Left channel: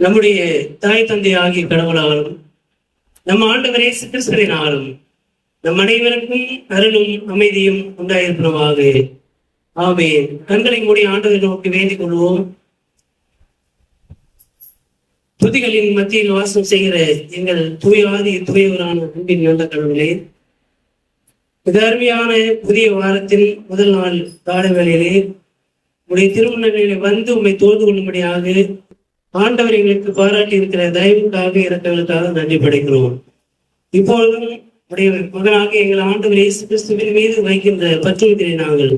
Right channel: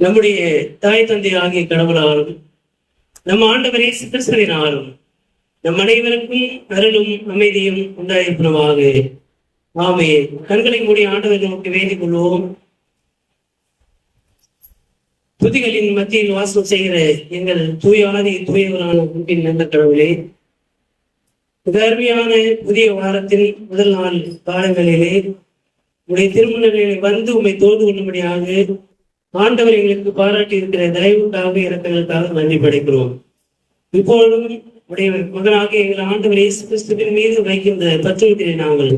நம்முடைய தாய் தந்தை ஆகிய கடவுளாலும் நம் ஆண்டவர் இயேசு கிறிஸ்துவினாலும் நம் அனைவருக்கும் அருளும் அமைதியும் உண்டாயிருப்பதாக. ஆமென். கண்களை மூடி ஆண்டவரை நோக்கி வேண்டிக் கொள்வோம். துதிகளின் மத்தியில் வாசம் செய்கிற எங்கள் தூயாதி தூயவரான அன்பின் நல்ல கடவுளே, மிக அருமையான புதிய வாரத்தில் முதல் நாள் காலங்களிலே உடைய திருமணங்களில் வந்து உண்மை தோது கொள்ளும்படியாக ஆண்டவர் எங்களுக்கு பாராட்டி இருக்கிற தயவுக்காக இறக்கங்களுக்காக நன்றி படைக்கிறோம். இப்பொழுதும் உடைய மகனாக எங்கள் ஆண்டவர் இயேசு கிறிஸ்துவின் மீது வைக்கின்ற பற்றுவதை நாங்கள்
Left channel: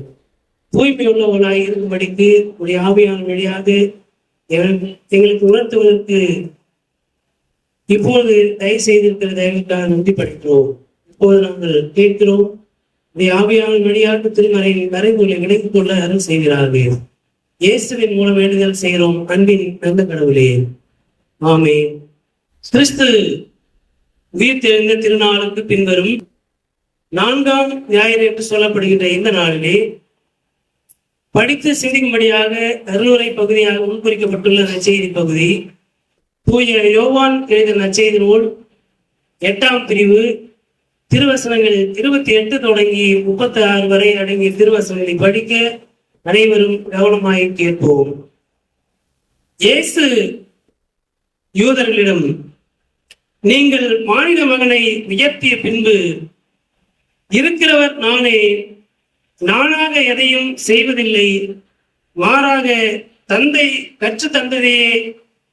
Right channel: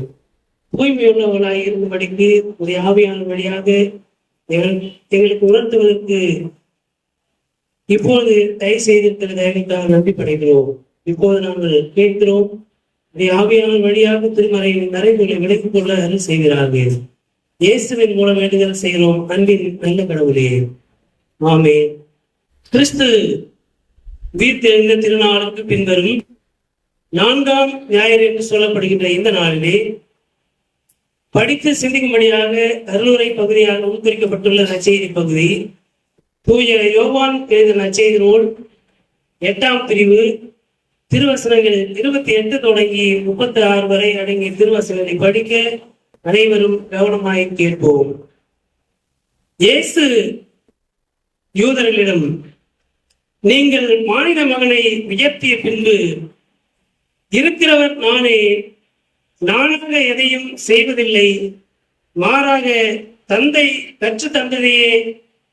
தூய்மையுள்ளவர்களாக இருக்கும்படிக்கு உடைய ஆவியான வழியாக எங்களுக்கு உணர்த்துவதற்கு இப்போது தயவு செய்திருக்கிற தயவுக்காக நன்றி படைக்கிறோம். இப்போது நாங்கள் கேட்கிறோம், உடைய ஆவியான வழியாக திருமறையின் மறைவுகளை விலக்கிக் கொள்ள அருள் செய்கிறார்கள். இயேசுவின் மூலம் வேண்டுதல் செய்கிறோம் அன்பின் நல்ல கடவுளே, ஆமென். கிறிஸ்து உயிர்த்தெழுந்த திருநாளுக்கு பின்வரும் 4ஆம் ஞாயிறு என்று சொல்லப்படுகின்ற இந்த நாளிலே படித்து சிந்திக்கும்படியாக அருளுரை பகுதியாக உட்குறிக்கப்பட்டுள்ள நற்செய்தி பகுதி தூய யோவான் எழுதிய நற்செய்தி நூல் 8ஆம் பிரிவு திருவசனங்கள் 28 தொடங்கி 36 வரை அடங்கிய திருவசனங்களை படிக்க அனைவரும் கவனமாய் கேட்போம். இயேசு யூதர்களிடம், நீங்கள் மானிட மகனை உயர்த்திய பின்பு இருக்கிறவர் நானே, நானாக எதையும் செய்வதில்லை, மாறாக தந்தை கற்று தந்ததையே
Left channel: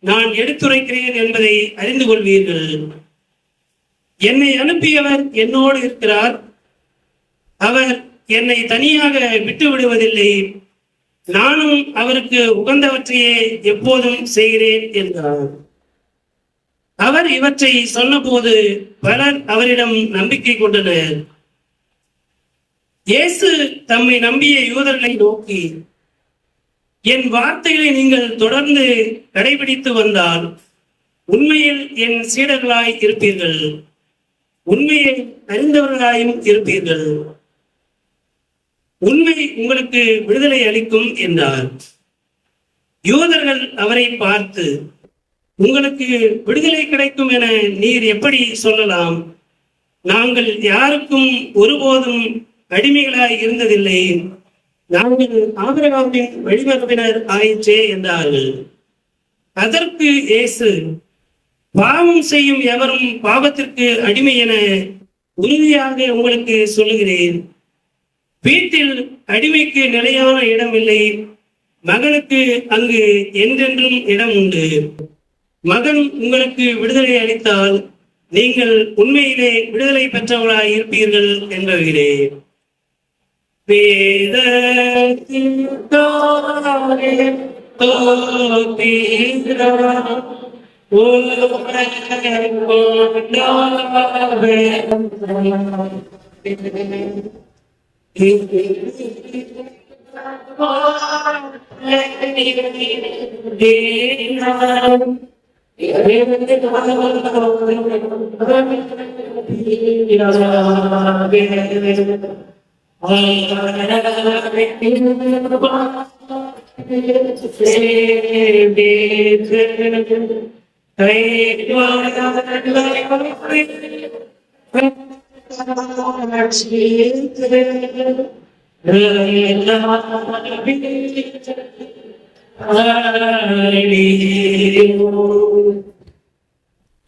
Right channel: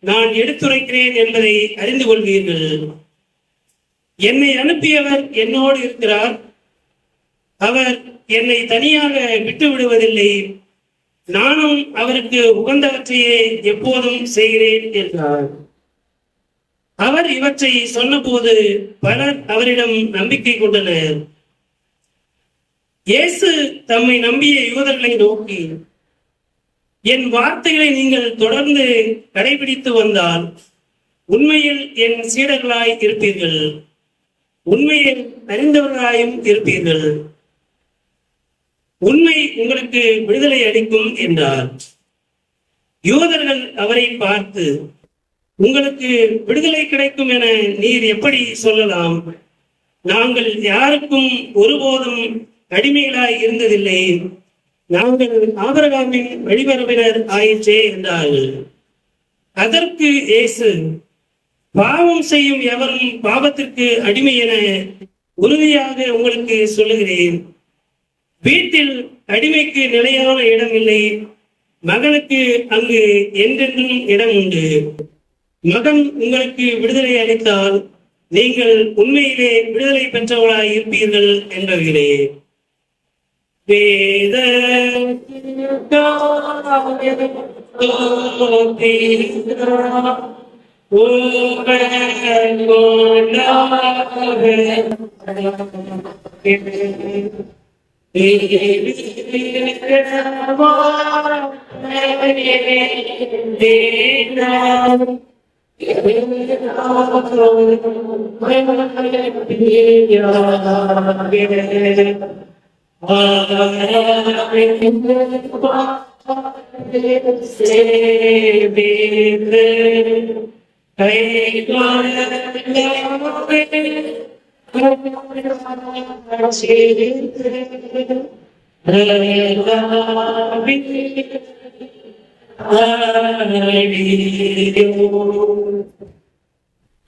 நான் எடுத்துரைக்கிறேன் என்பதை அறிந்து கொள்வீர்கள். என்னை அனுப்பியவர் என்னோடு இருக்கிறார், அவர் என்னை தனியாக விட்டு விடுவதில்லை, நானும் அவருக்கு உகந்தவற்றையே எப்போதும் செய்கிறேன் என்றார். அவர் இவற்றை சொன்னபோது பலர் அவரிடம் நம்பிக்கை கொண்டனர். இயேசு தம்மை நம்பிய யூதர்களை நோக்கி, என் வார்த்தைகளை நீங்கள் தொடர்ந்து கடைபிடித்து வந்தால் உண்மையில் என் சீடர்களாய் இருப்பீர்கள், உண்மையை அறிந்தவர்களாயும் இருப்பீர்கள், உண்மை உங்களுக்கு விடுதலை அளிக்கும் என்றார். யூதர்கள் அவரை பார்த்து, உங்களுக்கு விடுதலை கிடைக்கும் என நீர் எப்படி சொல்லலாம்? நாங்கள் யாருக்கும் ஒருபோதும் அடிமைகளாய் இருந்ததில்லை, நாங்கள் ஆபிரகாமின் வழிமரபினர் ஆயிற்றே என்றார்கள். அதற்கு இயேசு, பாவம் செய்யும் எவரும் பாவத்திற்கு அடிமை என உறுதியாக உங்களுக்கு சொல்லுகிறேன். வீட்டில் அடிமைக்கு நிலையான இடம் இல்லை, மகனுக்கு அங்கு என்றென்றும் இடம் உண்டு. மகன் உங்களுக்கு விடுதலை அளித்தால் நீங்கள் உண்மையிலே விடுதலை பெற்றவர்களாய் இருப்பீர்கள் என்றுகிறேன்.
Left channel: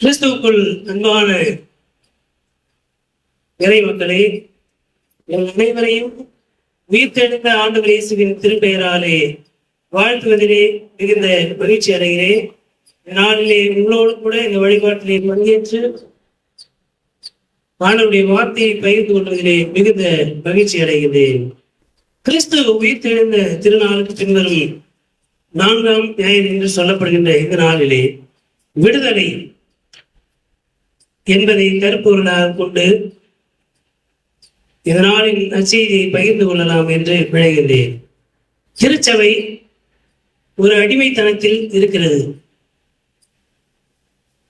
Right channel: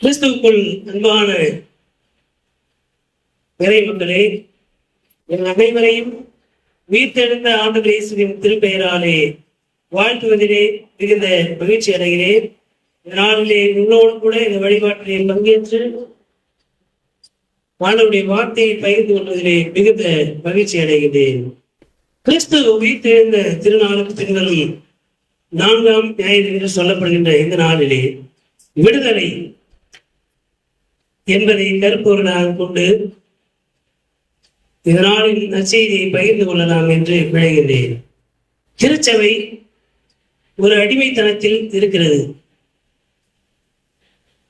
கிறிஸ்துவுக்குள் அன்பான இறை மக்களே, என் அனைவரையும் உயிர்த்தெழுந்த ஆண்டவர் இயேசுவின் திருப்பெயராலே வாழ்த்துவதிலே மிகுந்த மகிழ்ச்சி அடைகிறேன். நாளிலே உங்களோடு கூட இந்த வழிபாட்டிலே பங்கேற்று ஆண்டவருடைய வார்த்தையை பகிர்ந்து கொள்வதிலே மிகுந்த மகிழ்ச்சி அடைகிறேன். கிறிஸ்து உயிர்த்தெழுந்த திருநாளுக்கு பின்வரும் 4ஆம் ஞாயிறு என்று சொல்லப்படுகின்ற இந்த நாளிலே விடுதலை என்பதை கருப்பொருளாக கொண்டு இதனாலின் நற்செய்தியை பகிர்ந்து கொள்ளலாம் என்று விளைகின்றேன். திருச்சபை ஒரு அடிமைத்தனத்தில் இருக்கிறது.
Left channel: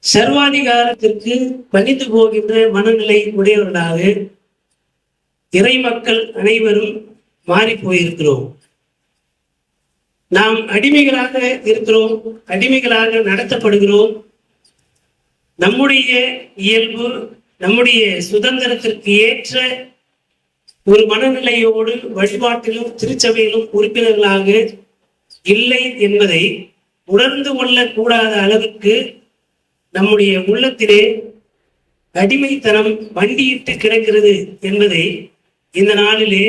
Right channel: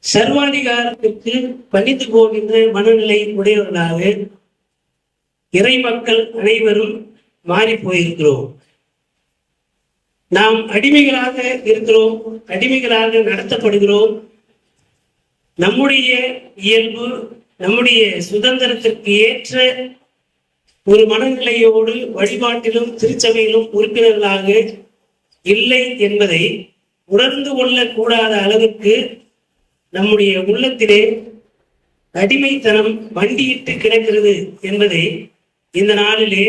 சர்வாதிகாரத்திற்கு பணிந்து போகின்ற மனநிலை உடையவர்களாக இறை மக்கள் அனைவரும் மாறி போயிருக்கிறோம். நாம் அடிமைகளாக இருக்கிறோம், அடிமைகளாக நடத்தப்படுகிறோம். நம்முடைய இயல்பு, நம்முடைய சுதந்திரத்திற்கு ஏற்ற ஒரு மனநிலையோடு வழிபாட்டிலும் திருச்சபையிலும் உறுப்பினர்களாக இல்லை என்பதை உணர்ந்து கொள்ளக்கூடாத அளவுக்கு நம்முடைய உள்ளத்திலே அடிமைத்தனம் வண்டியிட்டு கிடக்கிறது என்பதை இந்த நாளிலே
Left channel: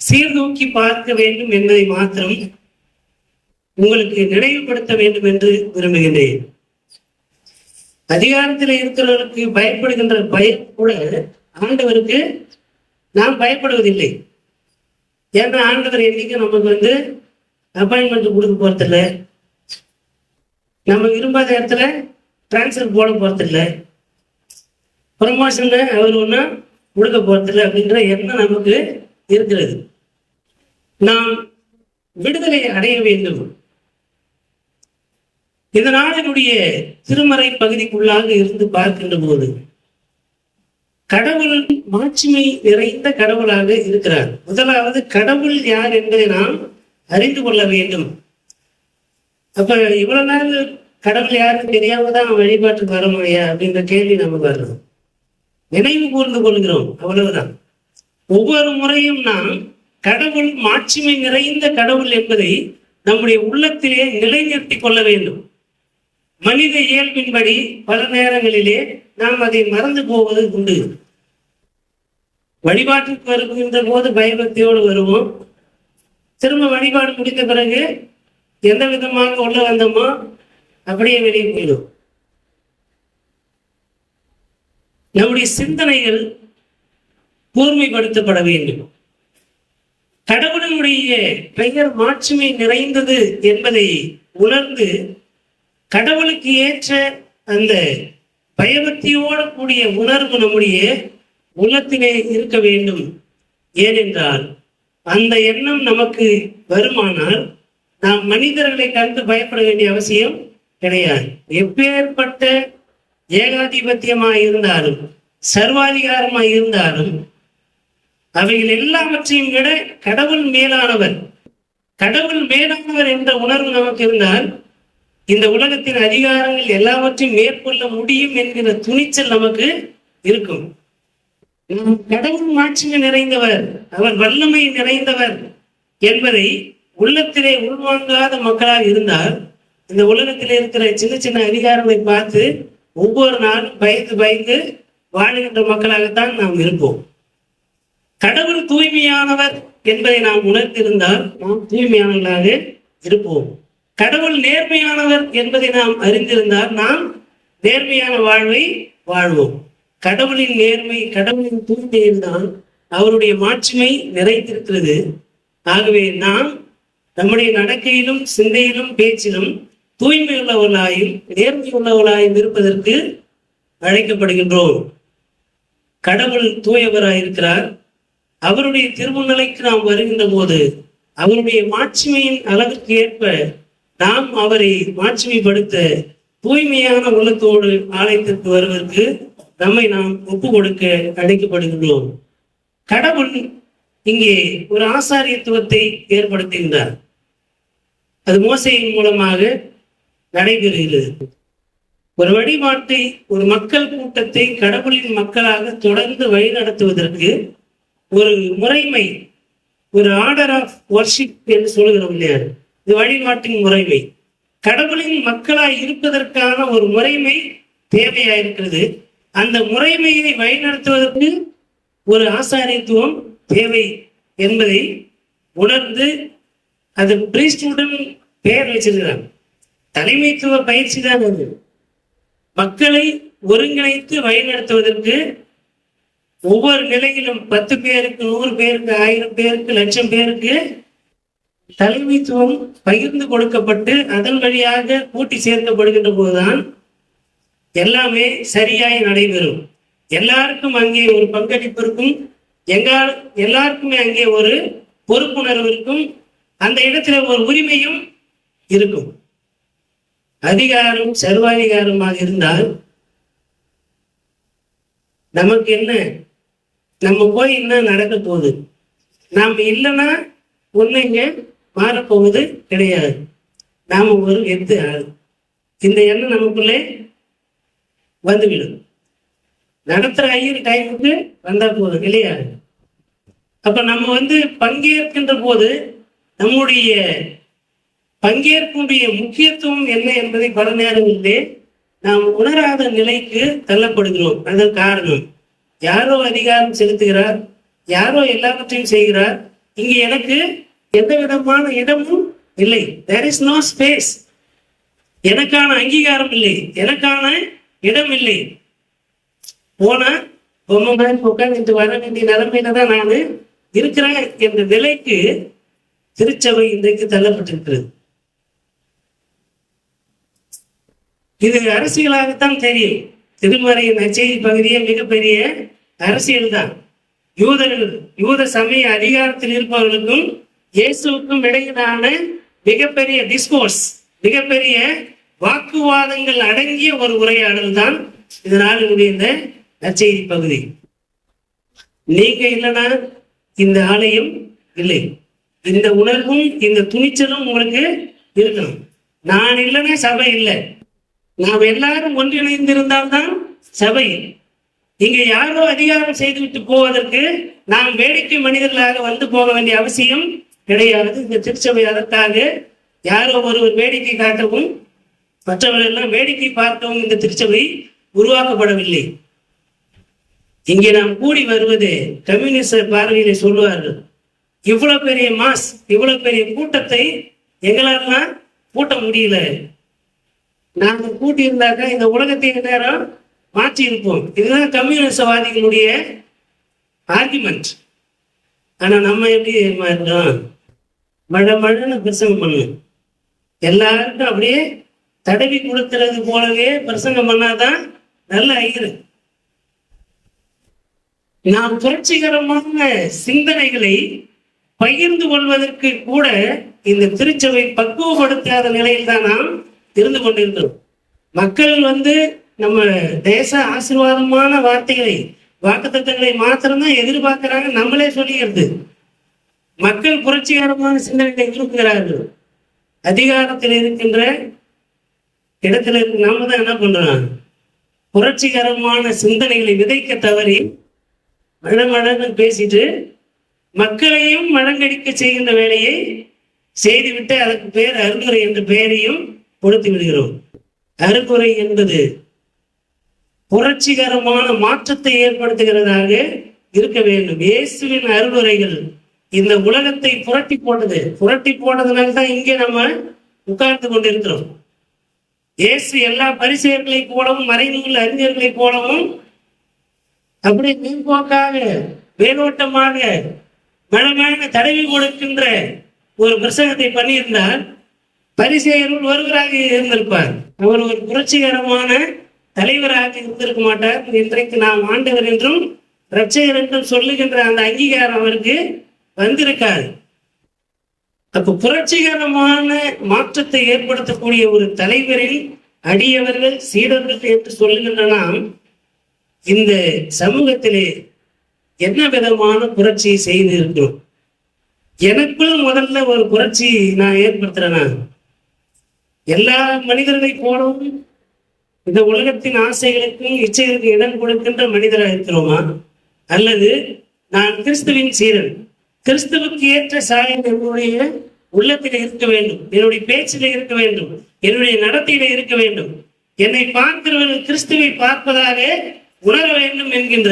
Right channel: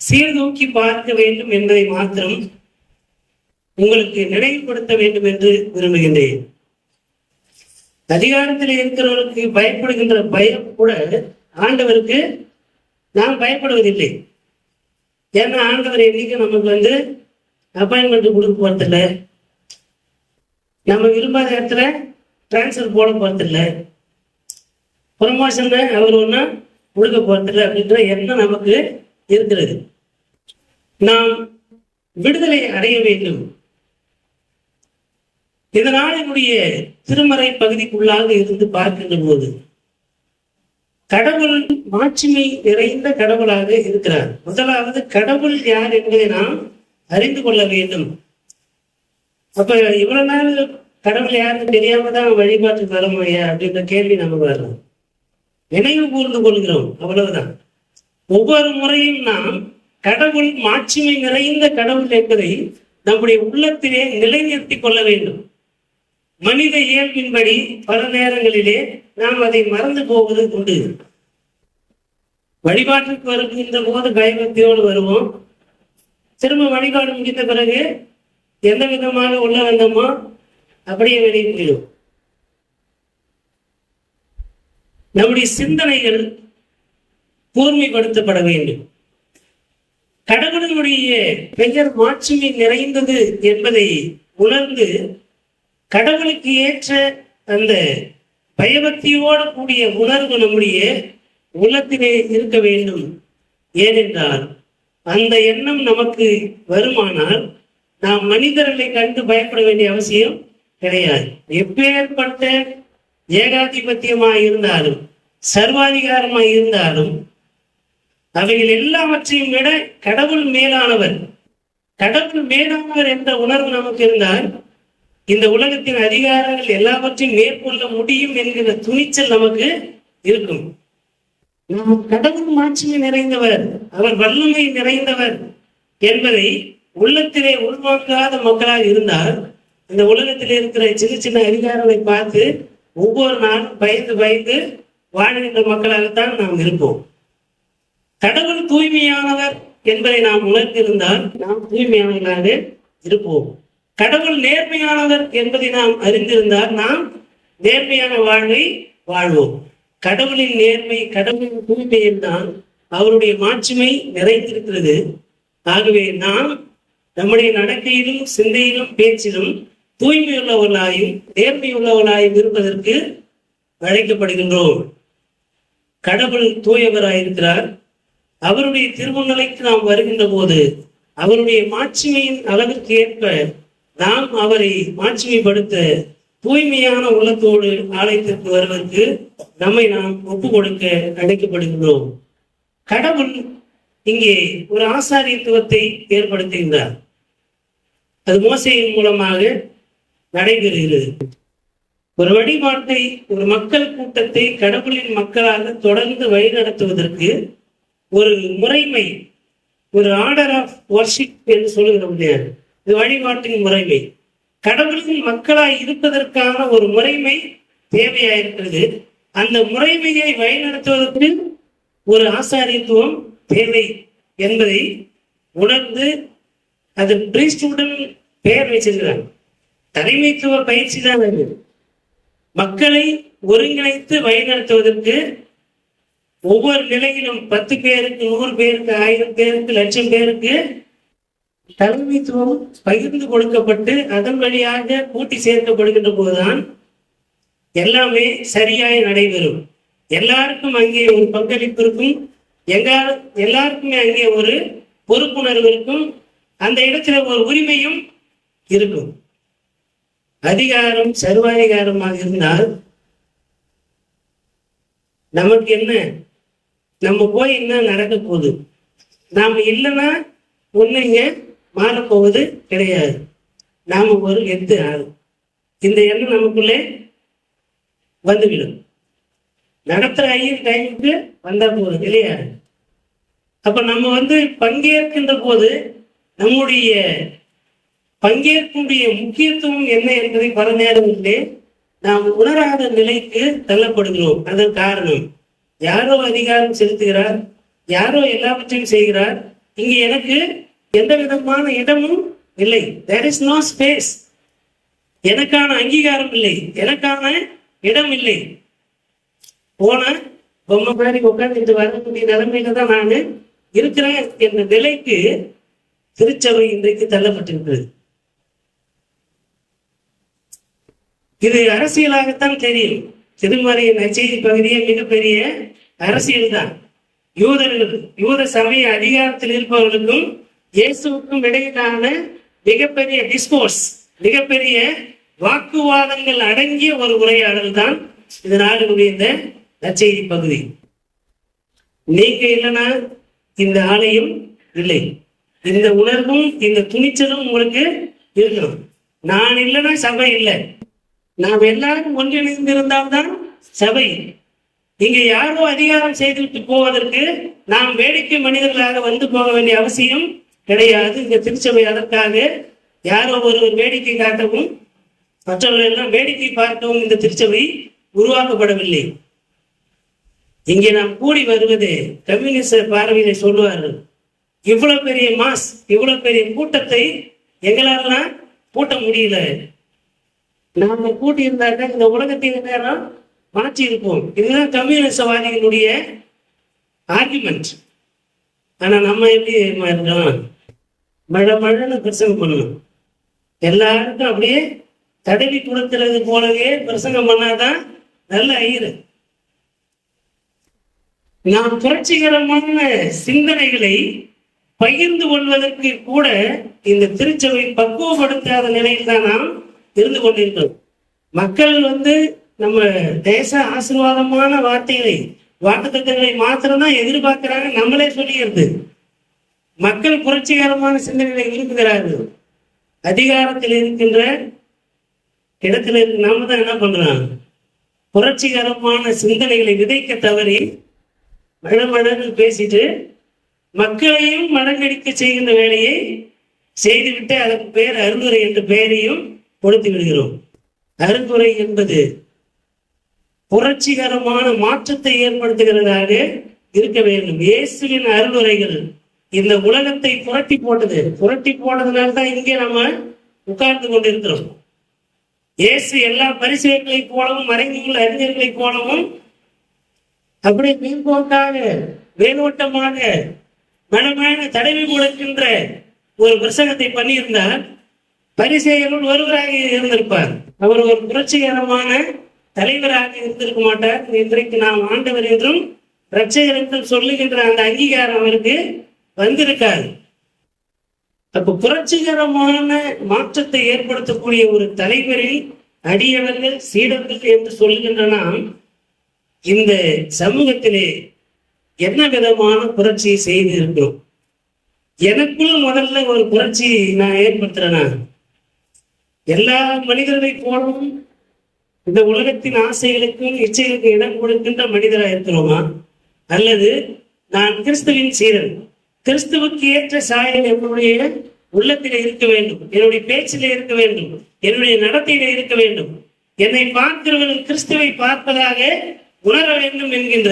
சீர்தூக்கி பார்க்க வேண்டும் என்பதை மாத்திரம் உங்களுக்கு நினைவுபடுத்த வேண்டும் என்று விரும்புகின்றேன். அதிகாரத்தில் இருக்கிறவர்களுக்கு பயப்படுகின்ற பயம் கூட ஆண்டவருக்கு நாம் பயப்படுவதில்லை. ஏன்னா ஆண்டவர் என்னைக்கு நமக்கு அப்பாயின்மெண்ட் கொடுக்க போறதில்ல, நம்ம விரும்பாத இடத்துல டிரான்ஸ்ஃபர் போட போறதில்ல, ப்ரமோஷன் அவர் ஒன்றும் கொடுக்க போறதில்லை அப்படின்ற எண்ணம் நமக்கு இருக்கிறது. நாம் விடுதலை அடைய வேண்டும். இதனால் என்னுடைய திருமறை பகுதிக்குள்ளாக இருந்து பார்க்கின்ற போது கடவுள் மாட்சிமை நிறைந்த கடவுளாக இருக்கிறார். முதலாவது கடவுள் யார் என்பதை நாம் அறிந்து கொள்ள வேண்டும். அப்ப இவ்வளவு நாள் கடவுள் யாருன்னு தெரியாம தான் வழிபாட்டுக்கு வர முடியா அப்படின்ற கேள்வி நமக்கு வரலாம். நினைவு கூர்ந்து கொள்கிறோம், அவ்வளவுதான். ஒவ்வொரு முறையும் நாம் கடவுள் மாட்சிமை நிறைந்த கடவுள் என்பதை நம்முடைய உள்ளத்திலே நிலைநிறுத்திக் கொள்ள வேண்டும். மனித இயல்பின்படி பல நேரங்களிலே நாம் அதை மறந்து போவது உண்டு. வழிபாட்டுக்கு வருகின்ற போது பயபக்தியோடு வருவோம். திரும்ப வழிபாடு முடித்த பிறகு எந்த விதமாக உள்ள வந்தோமோ அப்படியே வெளியே போயிடும். நம்முடைய சிந்தனைகள் கூர்மைப்படுத்தப்பட வேண்டும். கடவுளினுடைய பெயர் மாட்சிமை நிறைந்தது என்பதை உணர்ந்து கடவுளுக்கு ஏற்ற அந்த பயபக்தியோடு கூடிய உணர்வு நம்முடைய உள்ளத்திலே இருக்க வேண்டும். ஏனென்றால் அந்த எண்ணம் நமக்கு வருமானால் நாம் மனிதர்களை கண்டு பயப்பட வேண்டிய அவசியம் கிடையாது. எப்பேற்பட்ட ஏகாதிபத்தியமாக இருந்தாலும் சர்வாதிகாரமாக இருந்தாலும் அவைகள் எல்லாவற்றையும் விட கடவுள் மேலானவர். கடவுள் மேலானவர் என்ற உணர்வு நமக்கு இருந்தால் இந்த உலகத்தின் அதிகாரங்கள் எல்லாவற்றையும் மேற்கொள்ள முடியும் என்கிற துணிச்சல் நமக்கு இருக்கும். நாம் கடவுள் மாட்சிமை நிறைந்தவர், அவர் வல்லமை நிறைந்தவர் என்பதை உள்ளத்திலே உள்வாங்காத மக்களாக இருந்தால் இந்த உலகத்திலே இருக்கிற சின்ன சின்ன அதிகாரங்களை பார்த்து ஒவ்வொரு நாளும் பயந்து பயந்து வாழ்கின்ற மக்களாகத்தான் நாம் இருப்போம். கடவுள் தூய்மையானவர் என்பதை நாம் உணர்ந்திருந்தால் நாம் தூய்மையானவர்களாக இருப்போம். கடவுள் நேர்மையானவர் என்பதை நாம் அறிந்திருந்தால் நாம் நேர்மையான வாழ்வை வாழ்வோம். கடவுளின் நேர்மை, கடவுளின் தூய்மையில் தான் அவருடைய மாட்சிமை நிறைந்திருக்கிறது. ஆகவே நாம் நம்முடைய நடக்கையிலும் சிந்தையிலும் பேச்சிலும் தூய்மை உள்ளவர்களாயும் நேர்மை உள்ளவர்களாயும் இருப்பதற்கு அழைக்கப்படுகின்றோம். கடவுள் தூயவராயிருக்கிறார். அவருடைய திருமுன்னிலைக்கு நாம் வருகின்ற போது அவருடைய மாட்சிமையின் அளவிற்கு ஏற்ப நாம் அவரை மாட்சிமைப்படுத்த தூய்மையான உள்ளத்தோடு ஆலயத்திற்கு வருவதற்கு நம்மை நாம் ஒப்பு கொடுக்க அழைக்கப்படுகின்றோம். கடவுள் இங்கே ஒரு ஆசாரியத்துவத்தை ஏற்படுத்துகின்றார். அது மோசையின் மூலமாக நடைபெறுகிறது. ஒரு வழிபாட்டை, ஒரு மக்கள் கூட்டத்தை கடவுளின் மக்களாக தொடர்ந்து வழிநடத்துவதற்கு ஒரு முறைமை, ஒரு ஆர்டர் ஆஃப் வர்ஷிப் என்று சொல்லுகிறோம் இல்லையா, இது வழிபாட்டின் முறைமை. கடவுளின் மக்களாய் இருப்பதற்கான ஒரு முறைமை தேவையாயிருக்கிறது. அந்த முறைமையை வழிநடத்துவதற்கு ஒரு ஆசாரியத்துவம் தேவை என்பதை உணர்ந்து அது பிரீஸ்டுடன் பெயர் வச்சிருக்கிறாங்க. தலைமைத்துவ பயிற்சி தான் அது. மக்களை ஒருங்கிணைத்து வழிநடத்துவதற்கு ஒவ்வொரு நிலையிலும் 10 பேருக்கு, 100 பேருக்கு, 1000 பேருக்கு, 1,00,000 பேருக்கு தலைமைத்துவம் பகிர்ந்து கொடுக்கப்பட்டு அதன் வழியாக கூட்டி சேர்க்கப்படுகின்ற போதுதான் எல்லாமே சரியாய் நடைபெறும். எல்லாருக்கும் அங்கே ஒரு பங்களிப்பு இருக்கும், எல்லாருக்குமே அங்கே ஒரு பொறுப்புணர்வு இருக்கும், அந்த இடத்துல ஒரு உரிமையும் இருக்கும். அதிகாரம் சர்வாதிகாரமாக இருந்தால் நமக்கு என்ன, நம்ம போய் என்ன நடக்க போகுது? நாம் இல்லைன்னா ஒண்ணுங்க மாறப்போவது கிடையாது. நாம ஒரு எத்து ஆள். இந்த எண்ணம் நமக்குள்ளே வந்துவிடும். நடத்துற ஐயர் டைமுக்கு வந்தா போதும் இல்லையா? அப்ப நம்ம பங்கேற்கின்ற போது நம்முடைய பங்கேற்குடைய முக்கியத்துவம் என்ன என்பதை பல நேரங்களிலே நாம் உணராத நிலைக்கு தள்ளப்படுகிறோம். அதன் காரணம், யாரோ அதிகாரம் செலுத்துகிறார், யாரோ எல்லாவற்றையும் செய்கிறார், இங்க எனக்கு எந்த விதமான இடமும் இல்லை. there is no space. எனக்கான அங்கீகாரம் இல்லை, எனக்கான இடம் இல்லை. போனா பொம்மை மாதிரி உட்கார்ந்துட்டு வர வேண்டிய நிலைமையில தான் நான் இருக்கிறேன் என்ற நிலைக்கு திருச்சபை இன்றைக்கு தள்ளப்பட்டிருக்கிறது. இது அரசியலாகத்தான் தெரியும். திருமறையின் நற்செய்தி பகுதியே மிகப்பெரிய அரசியல் தான். யூத சமய அதிகாரத்தில் இருப்பவர்களுக்கும் இயேசுவுக்கும் இடையிலான மிகப்பெரிய டிஸ்கோர்ஸ், மிகப்பெரிய வாக்குவாதங்கள் அடங்கிய ஒரு உரையாடல் தான் இதனால் இந்த நற்செய்தி பகுதி. நீங்க இல்லைன்னா இந்த ஆலயம் இல்லை. இந்த உணர்வும் இந்த துணிச்சலும் உங்களுக்கு இருக்கணும். நான் இல்லைன்னா சபை இல்லை. நாம் எல்லாரும் ஒன்றிணைந்திருந்தால்தான் சபை. இங்க யாரோ அதிகாரம் செய்துவிட்டு போவதற்கு நாம் வேடிக்கை மனிதர்களாக வந்து போக வேண்டிய அவசியம் கிடையாது. இந்த திருச்சபை அதற்காக யாரோ ஒருவர் வேடிக்கை காட்டவும் மற்றவர்கள் எல்லாம் வேடிக்கை பார்க்கவும் இந்த திருச்சபை உருவாக்கப்படவில்லை. இங்கே நாம் கூடி வருவது கம்யூனிஸ்ட் பார்வையிலே சொல்லுவார்கள், இவ்வளவு பெரிய மாஸ், இவ்வளவு பெரிய கூட்டத்தை எங்களாலாம் கூட்ட முடியல. நாம கூட்டி இருந்தாக்க இந்த உலகத்தை நேரம் மாற்றி இருப்போம். இதுதான் கம்யூனிஸ்டவாதிகளுடைய ஆர்குமெண்ட். ஆனா நம்ம எப்படி மாறிட்டோம்? மழைன்னு பிரசங்கம் பண்ணணும். எல்லாருக்கும் அப்படியே தடவி கொடுக்கிறது போலவே பிரசங்கம் பண்ணாதான் நல்ல ஐயரு. நாம் புரட்சிகரமான சிந்தனைகளை பகிர்ந்து கொள்வதற்கு கூட இந்த திருச்சபை பக்குவப்படுத்தாத நிலையில் தான் நாம் இருந்து கொண்டிருக்கிறோம். மக்கள் நம்ம தேச ஆசீர்வாதமான வார்த்தைகளை, வாக்குத்தத்தங்களை மாத்திரம்தான் எதிர்பார்க்கிறாங்க. நம்மளே சொல்லிக்கிறது. மக்கள் புரட்சிகரமான சிந்தனைகளை விரும்புகிறார்கள். அதிகாரத்தில் இருக்கின்ற இடத்துல நாம தான் என்ன பண்றோம்? புரட்சிகரமான சிந்தனைகளை விதைக்க தவறி மழமழன்னு பேசிட்டு மக்களையும் மழங்கடிக்க செய்கின்ற வேலையை செய்துவிட்டு அதற்கு பெயர் அருந்துரை என்ற பெயரையும் கொடுத்து விடுகிறோம். அருந்துரை என்பது புரட்சிகரமான மாற்றத்தை ஏற்படுத்துகிறதாக இருக்க வேண்டும். இயேசுவின் அருளுரைகள் இந்த உலகத்தை புரட்டி போட்டது. புரட்டி போனதுனால்தான் இங்கே நம்ம உட்கார்ந்து கொண்டிருக்கிறோம். இயேசு எல்லா பரிசேயர்களைப் போலவும் மறைநூல் அறிஞர்களைப் போலவும் அப்படியே மேம்போக்காக மேலோட்டமாக மனமான தடவி கொடுக்கின்ற ஒரு பிரசங்கத்தை பண்ணியிருந்தால் பரிசேயர்கள் ஒருவராக இருந்திருப்பார். அவர் ஒரு புரட்சிகரமான தலைவராக இருந்திருக்க மாட்டார். இன்றைக்கு நாம் ஆண்டவர் என்றும் இரட்சகர் என்றும் சொல்லுகின்ற அந்த அங்கீகாரம் அவருக்கு வந்திருக்காது. அப்ப புரட்சிகரமான மாற்றத்தை ஏற்படுத்தக்கூடிய ஒரு தலைவரில் அடியவர்கள் சீடர்கள் என்று சொல்லுகின்ற நாம் இந்த சமூகத்திலே என்ன விதமான புரட்சியை செய்து இருக்கிறோம்? எனக்குள் முதல்ல ஒரு புரட்சி நான் ஏற்படுத்துறேனா? எல்லா மனிதர்களைப் போலவும் இந்த உலகத்தின் ஆசைகளுக்கும் இச்சைகளுக்கு இடம் கொடுக்கின்ற மனிதராக இருக்கிறோமா? அல்லது நான் கிறிஸ்துவின் சீரன், கிறிஸ்துவுக்கு ஏற்ற சாயல் என்னுடைய உள்ளத்தில இருக்க வேண்டும், என்னுடைய பேச்சில இருக்க வேண்டும், என்னுடைய நடத்தையில இருக்க வேண்டும், என்னை பார்க்கிறவர்கள் கிறிஸ்துவை பார்ப்பதாக உணர வேண்டும் என்கின்ற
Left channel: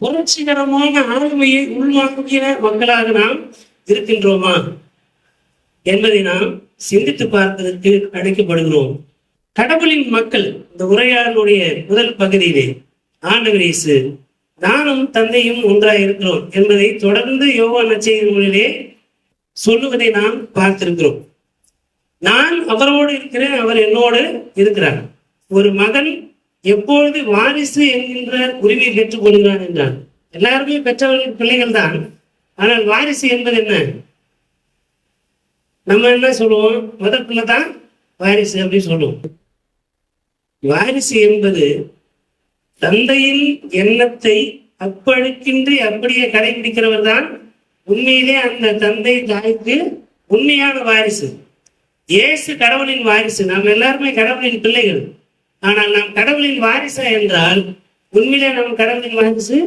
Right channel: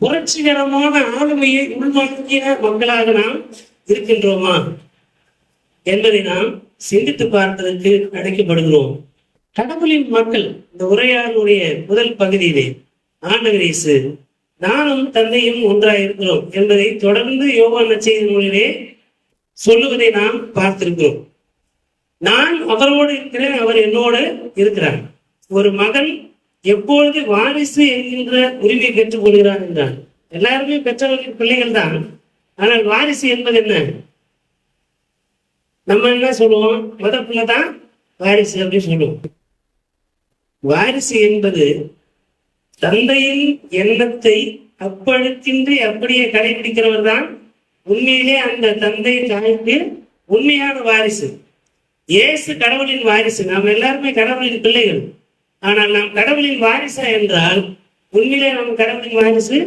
புரட்சிகரமான ஆளுமையை உள்வாங்கிய மக்களாக நாம் இருக்கின்றோமா என்பதை நாம் சிந்தித்து பார்ப்பதற்கு அழைக்கப்படுகிறோம். கடவுளின் மக்கள் இந்த உரையாடலுடைய முதல் பகுதியிலே ஆண்டவர் இயேசு நானும் தந்தையும் ஒன்றாக இருக்கிறோம் என்பதை தொடர்ந்து யோவான் நற்செய்தி நூலிலே சொல்லுவதை நாம் பார்த்திருக்கிறோம். நான் அவரோடு இருக்கிறேன், அவர் என்னோடு இருக்கிறார். ஒரு மகன் எப்பொழுது வாரிசு என்கின்ற உரிமையை பெற்றுக் கொள்கிறான் என்றான். எல்லாருமே பெற்றவர்கள் பிள்ளைகள் தான். ஆனால் வாரிசு என்பது என்ன? நம்ம என்ன சொல்லுவோம்? முதல் பிள்ளை தான் வாரிசு அப்படின்னு சொல்லுவோம். வாரிசு என்பது தந்தையின் எண்ணத்தை அப்பழுக்கின்றி அப்படியே கடைபிடிக்கிறவர் தான் உண்மையிலே அந்த தந்தை தாய்க்கு உண்மையான வாரிசு. இயேசு கடவுளின் வாரிசு. நாம் எல்லாருமே கடவுளின் பிள்ளைகள். ஆனால் நாம் கடவுளின் வாரிசா என்றால் உண்மையிலே நாம் கடவுளின் வாரிசு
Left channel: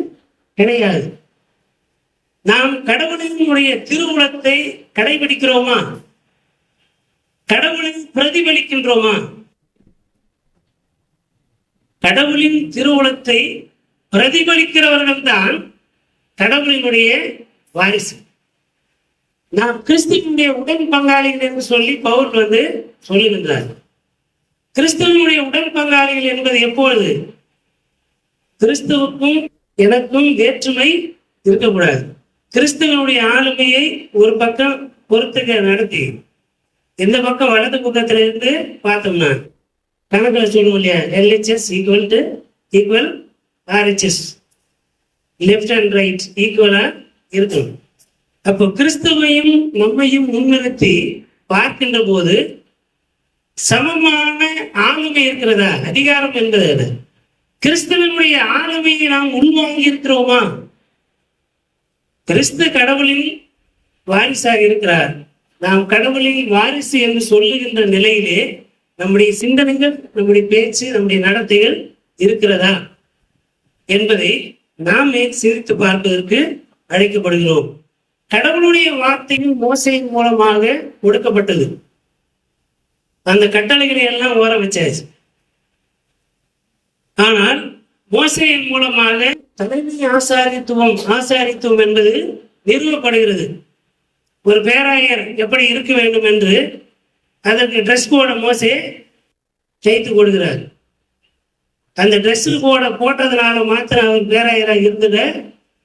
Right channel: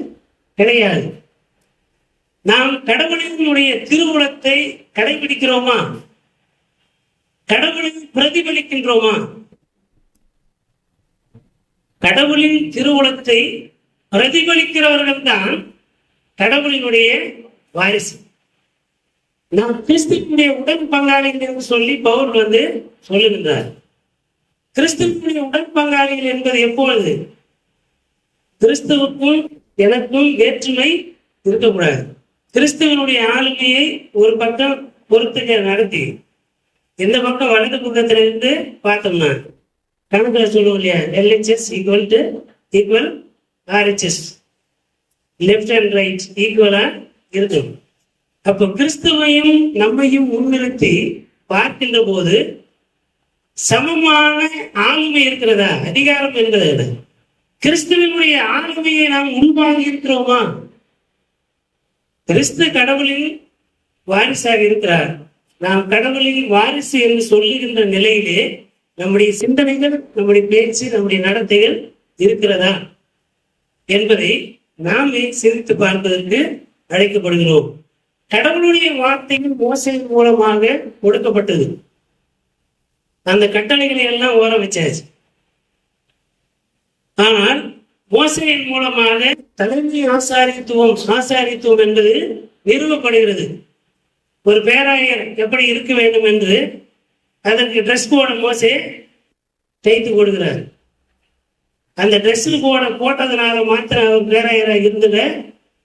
கிடையாது. நாம் கடவுளினுடைய திருவுளத்தை கடைபிடிக்கிறோமா? கடவுளை பிரதிபலிக்கின்றோமா? கடவுளின் திருவுளத்தை பிரதிபலிக்கிறவர்கள் தான் கடவுளினுடைய வாரிசு. நாம் கிறிஸ்துவனுடைய உடன் பங்காளிகள் என்று சொல்லி பவுல் சொல்லுகின்றார். கிறிஸ்துவனுடைய உடன் பங்காளிகள் என்பது எப்பொழுது? கிறிஸ்துவுக்கும் எனக்கும் வேற்றுமை இருக்கக்கூடாது. கிறிஸ்துவனுடைய ஆளுமையை ஒரு பக்கம் பொறுத்துக்க நடத்தி, இந்த பக்கம் வலது பக்கத்திலிருந்து பார்த்தோம்னா கணக்கில் சொல்லுவோம் இல்லையா, LHS equal to equal RHS, left and right ஈக்குவலா இருக்கும். அப்போ கிறிஸ்துவையும் நம்மையும் முன்னிறுத்தி பார்க்கின்ற போது சமமான ஆளுமை இருக்கிறதா? அதிகாரம் என்பது கிறிஸ்துவனுடைய ஆளுமையை நாம் உள்வாங்கி இருக்கிறோமா? கிறிஸ்து கடவுளின் வாரிசாக இருக்கிறார். நாம் கடவுளின் வாரிசு என்று சொல்லுகின்ற நிலையிலே நம்முடைய சிந்தனைகள், நம்முடைய பேச்சு, நம்முடைய நடத்தைகள் இருக்கிறதா என்பதை நாமே சிரித்து பார்ப்பதற்கு அழைக்கப்படுகிறோம். கடவுளுடைய வார்த்தையும் மோசையின் மூலமாக கொடுக்கப்பட்டது. அந்த கட்டளைகளை எல்லாம் ஓர வச்சாச்சு. ஆனால் மோசையின் மூலமாக தலைமை ஆசாரித்துவம் என்பது நிறுவப்படுகிறது. ஒரு பேராயர் எப்படி இருக்க வேண்டும் என்று அதற்கு ட்ரெஸ் கோட மோசே செய்து கொடுக்கிறார். அந்த ட்ரெஸ் கோட போட்டதுனால மாத்திரம் அவர் பேராயராக இருந்துட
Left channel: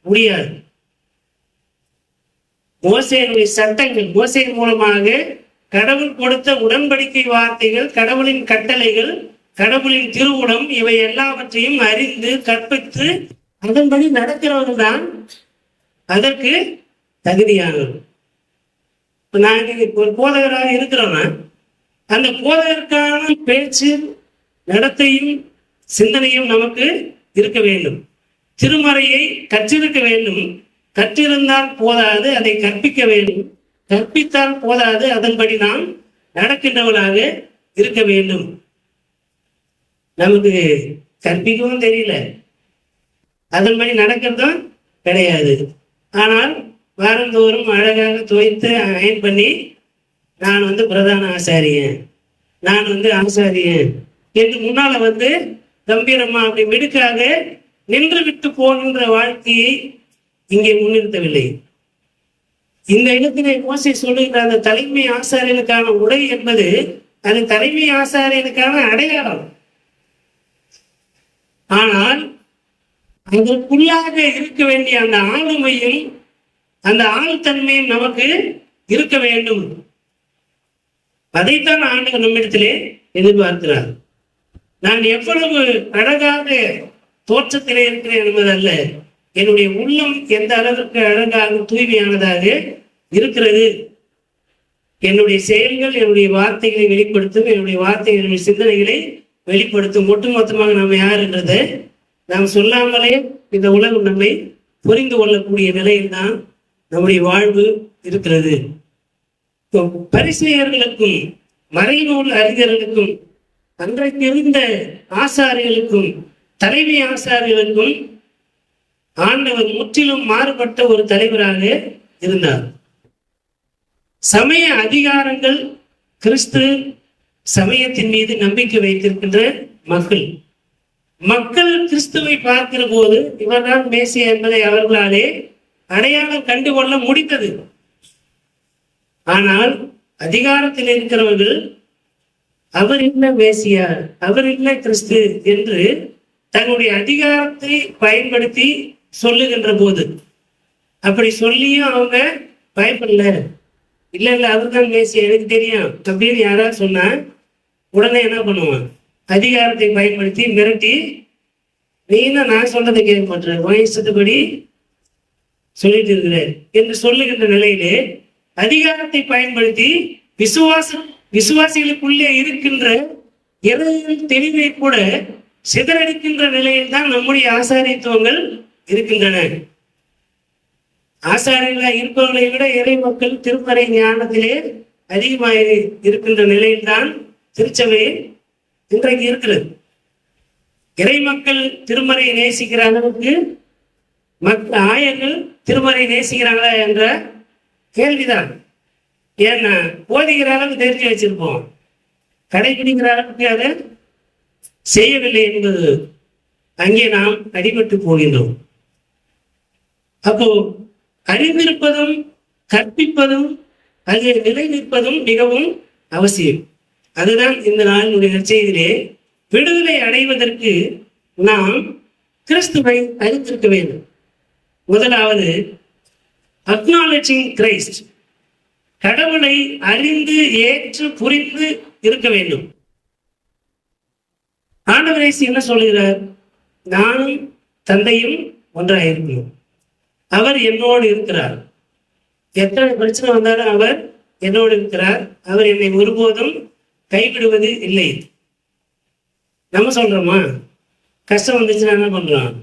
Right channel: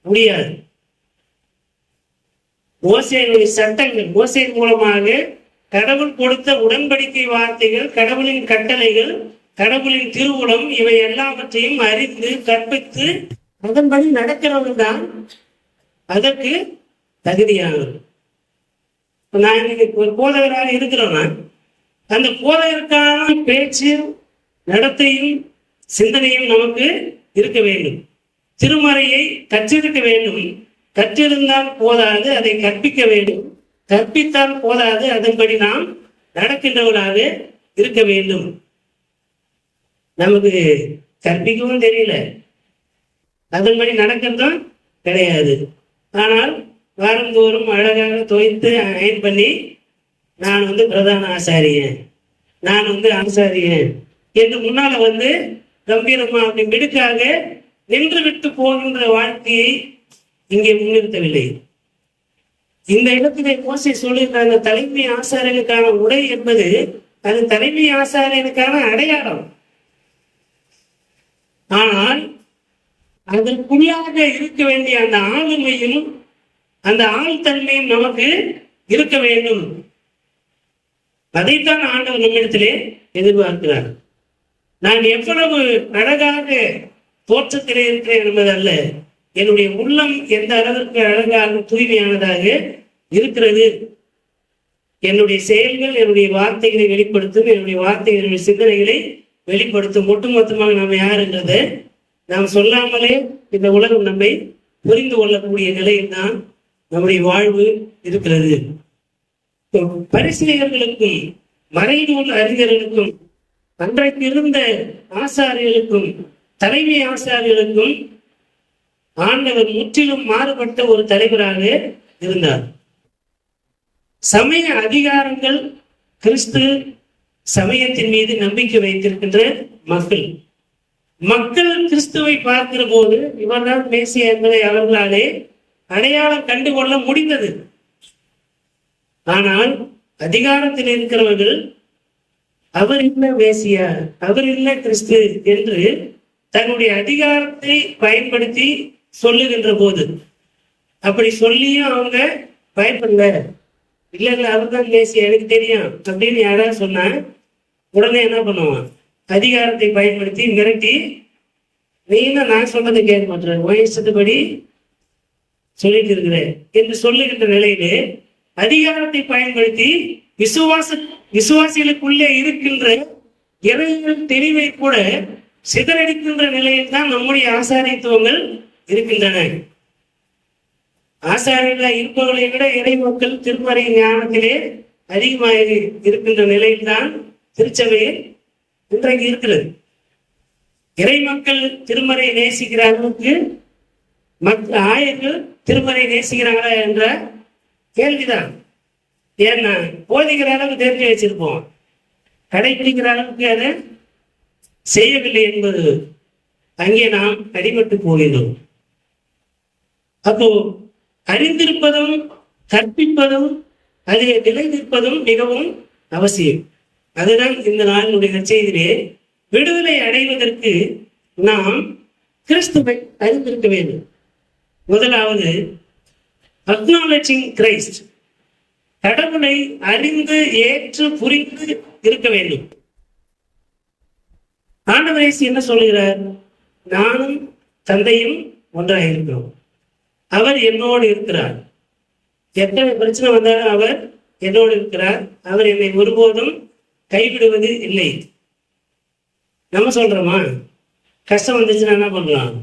முடியாது. மோசேயினுடைய சட்டங்கள், மோசையின் மூலமாக கடவுள் கொடுத்த உடன்படிக்கை வார்த்தைகள், கடவுளின் கட்டளைகள், கடவுளின் திருவுளம், இவை எல்லாவற்றையும் அறிந்து கற்பித்து அதன்படி நடக்கிறவர்கள் தான் அதற்கு தகுதியானவர். நாங்கள் ஒரு போதகராக இருக்கிறோம்னா அந்த போதகருக்கான பேச்சு, நடத்தையும் சிந்தனையும் நமக்கு இருக்க வேண்டும். திருமறையை கற்றிருக்க வேண்டும். கற்றிருந்தால் போதாது, அதை கற்பிக்க வேண்டும். கற்பித்தால் போதாது, அதன்படி நாம் நடக்கின்றவர்களாக இருக்க வேண்டும். நமக்கு கற்பிக்கவும் தெரியல, அதன்படி நடக்கிறதும் கிடையாது. ஆனால் வாரந்தோறும் அழகாக துவைத்து அயன் பண்ணி நான் பிரதான ஆசாரியன், நான் ஆசாரியன் என்று முன்னால கம்பீரமா அப்படி மிடுக்காக நின்று விட்டு போகின்ற வாழ்க்கையை இங்கே முன்னிறுத்தவில்லை. இந்த இடத்திலே மோசே சொல்லுகின்ற அந்த தலைமை ஆசாரியனுக்கான உடை என்பது அது தலைமை ஆசாரியனுக்கான அடையாளம். ஆனால் அதற்குள்ளாக இருக்க வேண்டிய அந்த ஆளுமையும் அந்த ஆழ்தன்மையும் நமக்கு இருக்க வேண்டும். அதைத்தான் ஆண்டவர் நம்மிடத்திலே எதிர்பார்க்கிறார். நான் எவ்வளவு அழகாக தோற்றத்திலே இருக்கிறேன் என்பதல்ல, என்னுடைய உள்ளம் எந்த அளவிற்கு அழகாக தூய்மையானதாக இருக்கிறது. என்னுடைய செயல்கள் என்னுடைய வார்த்தைகளை வெளிப்படுத்தும், என்னுடைய வார்த்தைகள் என்னுடைய சிந்தனைகளை வெளிப்படுத்தும். ஒட்டுமொத்தமாக நாம் யார் என்றதை நாம் சொல்லாமலே இந்த உலகம் நம்மை புரிந்து கொள்ளக்கூடிய நிலையில் தான் நம்முடைய வாழ்வு இருக்கிறது. பரிசேயர்களுக்கும் மறைநூல் அறிஞர்களுக்கும் அன்றைக்கு இருந்த ஆசாரியர்களுக்கும் தலைமை ஆசாரியர்களுக்கும் ஆண்டவர் முற்றிலும் மாறுபட்ட ஒரு தலைவராக இருந்தார். சமய அதிகாரங்கள் கிறிஸ்து சமயத்தின் மீது நம்பிக்கை வைத்திருக்கின்ற மக்கள் கிறிஸ்துவை பார்க்கிற போது இவர்தான் மேசியா என்பதை அவர்களாலே அடையாளம் கண்டுகொள்ள முடிந்தது. ஆனால் அதிகாரத்தில் இருக்கிறவர்கள் அவர் இல்லை மேசியா, அவர் இல்லை கிறிஸ்து என்று தன்னுடைய அதிகாரத்தை பயன்படுத்தி சொல்லுகின்ற போது, அப்படி சொல்லியும் அவங்க பயப்படல. இல்ல அவர் தான் மேசியா, எனக்கு தெரியும் அப்படின்னு யாராவது சொன்னா உடனே என்ன பண்ணுவான்? அதிகாரத்தை பயன்படுத்தி மிரட்டி, நீங்க நான் சொன்னதை கேட்க மாட்டேன், வயசுபடி சொல்லிட்டு இருக்கிற என்று சொல்லுகின்ற நிலையிலே அதிகாரத்தை பயன்படுத்தி விசுவாசிகளுக்குள்ளே இருக்கின்ற இறைவன் தெளிவை கூட சிதறடிக்கின்ற நிலையில் தான் நம்முடைய ஆசாரியத்துவங்கள் இருக்கின்றன. ஆசாரியர்களாக இருப்பவர்களை விட இறை மக்கள் திருமறை ஞானத்திலே அதிகமாக இருக்கின்ற நிலையில்தான் திருச்சபை இன்றைக்கு இருக்கிறது. இறை மக்கள் திருமறை நேசிக்கிற அளவுக்கு ஆயர்கள் திருமறை நேசிக்கிறாங்களா என்ற கேள்விதான். ஏன்னா போதிக்கிற அளவுக்கு தெரிஞ்சு வச்சிருப்போம், கடைபிடிக்கிற அளவுக்கு அதை செய்யவில்லை என்பது அங்கே நாம் அடிபட்டு போகிறோம். அப்போ அறிந்திருப்பதும் கற்பிப்பதும் அதை நிலைநிற்பதும் மிகவும் அவசியம். அதுதான் இந்த நாளினுடைய செய்தியிலே விடுதலை அடைவதற்கு நாம் கிறிஸ்துவை அறிந்திருக்க வேண்டும். முதலாவது அக்னாலஜிங் கிரைஸ்ட், கடவுளை அறிந்து ஏற்று புரிந்து இருக்க வேண்டும். ஆண்டவர் இயேசு என்ன சொல்கிறார்? நானும் தந்தையும் ஒன்றாக இருக்கிறோம், அவர் என்னோடு இருக்கிறார். எத்தனை பிரச்சனை வந்தாலும் அவர் என்னோடு இருக்கிறார், அவர் என்னை ஒருபோதும் கைவிடுவது இல்லை. நம்ம சொல்றோமா? கஷ்டம் வந்துச்சுன்னா என்ன பண்றோம்?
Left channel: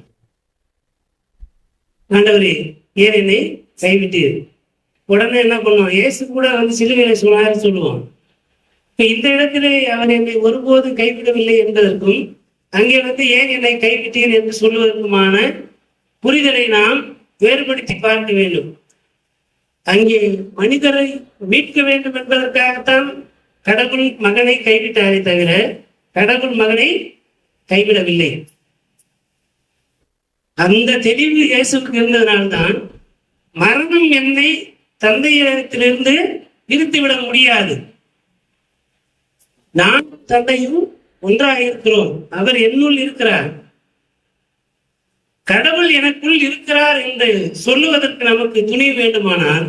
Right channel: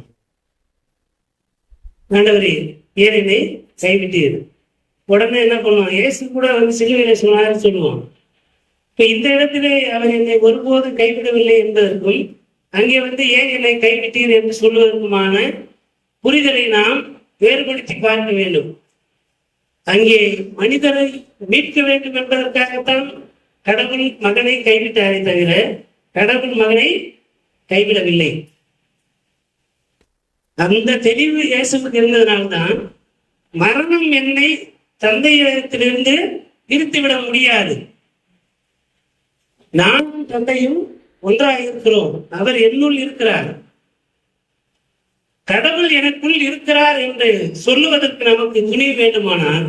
ஆண்டவரே ஏன் என்னை கைவிட்டீர்? உடனே என்ன பண்ணுவோம்? இயேசு கூட வந்து சிலுவையில சொன்னார் சொல்லுவோம். இப்ப இந்த இடத்துல அவர் என்னை ஒருபோதும் கைவிடவில்லை என்பதற்கும் அங்கே வந்து ஏன் என்னை கைவிட்டீர் என்று சொல்வதற்குமான புரிதலை நாம் வேறுபடுத்தி பார்க்க வேண்டும். அங்கே மனிதரை மீட்க வேண்டும் என்பதற்காகத்தான் கடவுள் மகனை கைவிட்டாரே தவிர கடவுள் மகனை கைவிடவில்லை. அந்த தெளிவு இயேசுக்கு இருந்ததனால்தான் மரணம் என்னை தந்தையிடத்திலிருந்து பிரித்துவிட முடியாது, நானும் தந்தையும் ஒன்றாக இருக்கிறோம், அவர் என்னுள் இருக்கிறார், கடவுள் எனக்குள் இருக்கிறார் என்று சொல்லுவதற்கு நமக்கு துணிவு வேண்டுமானால்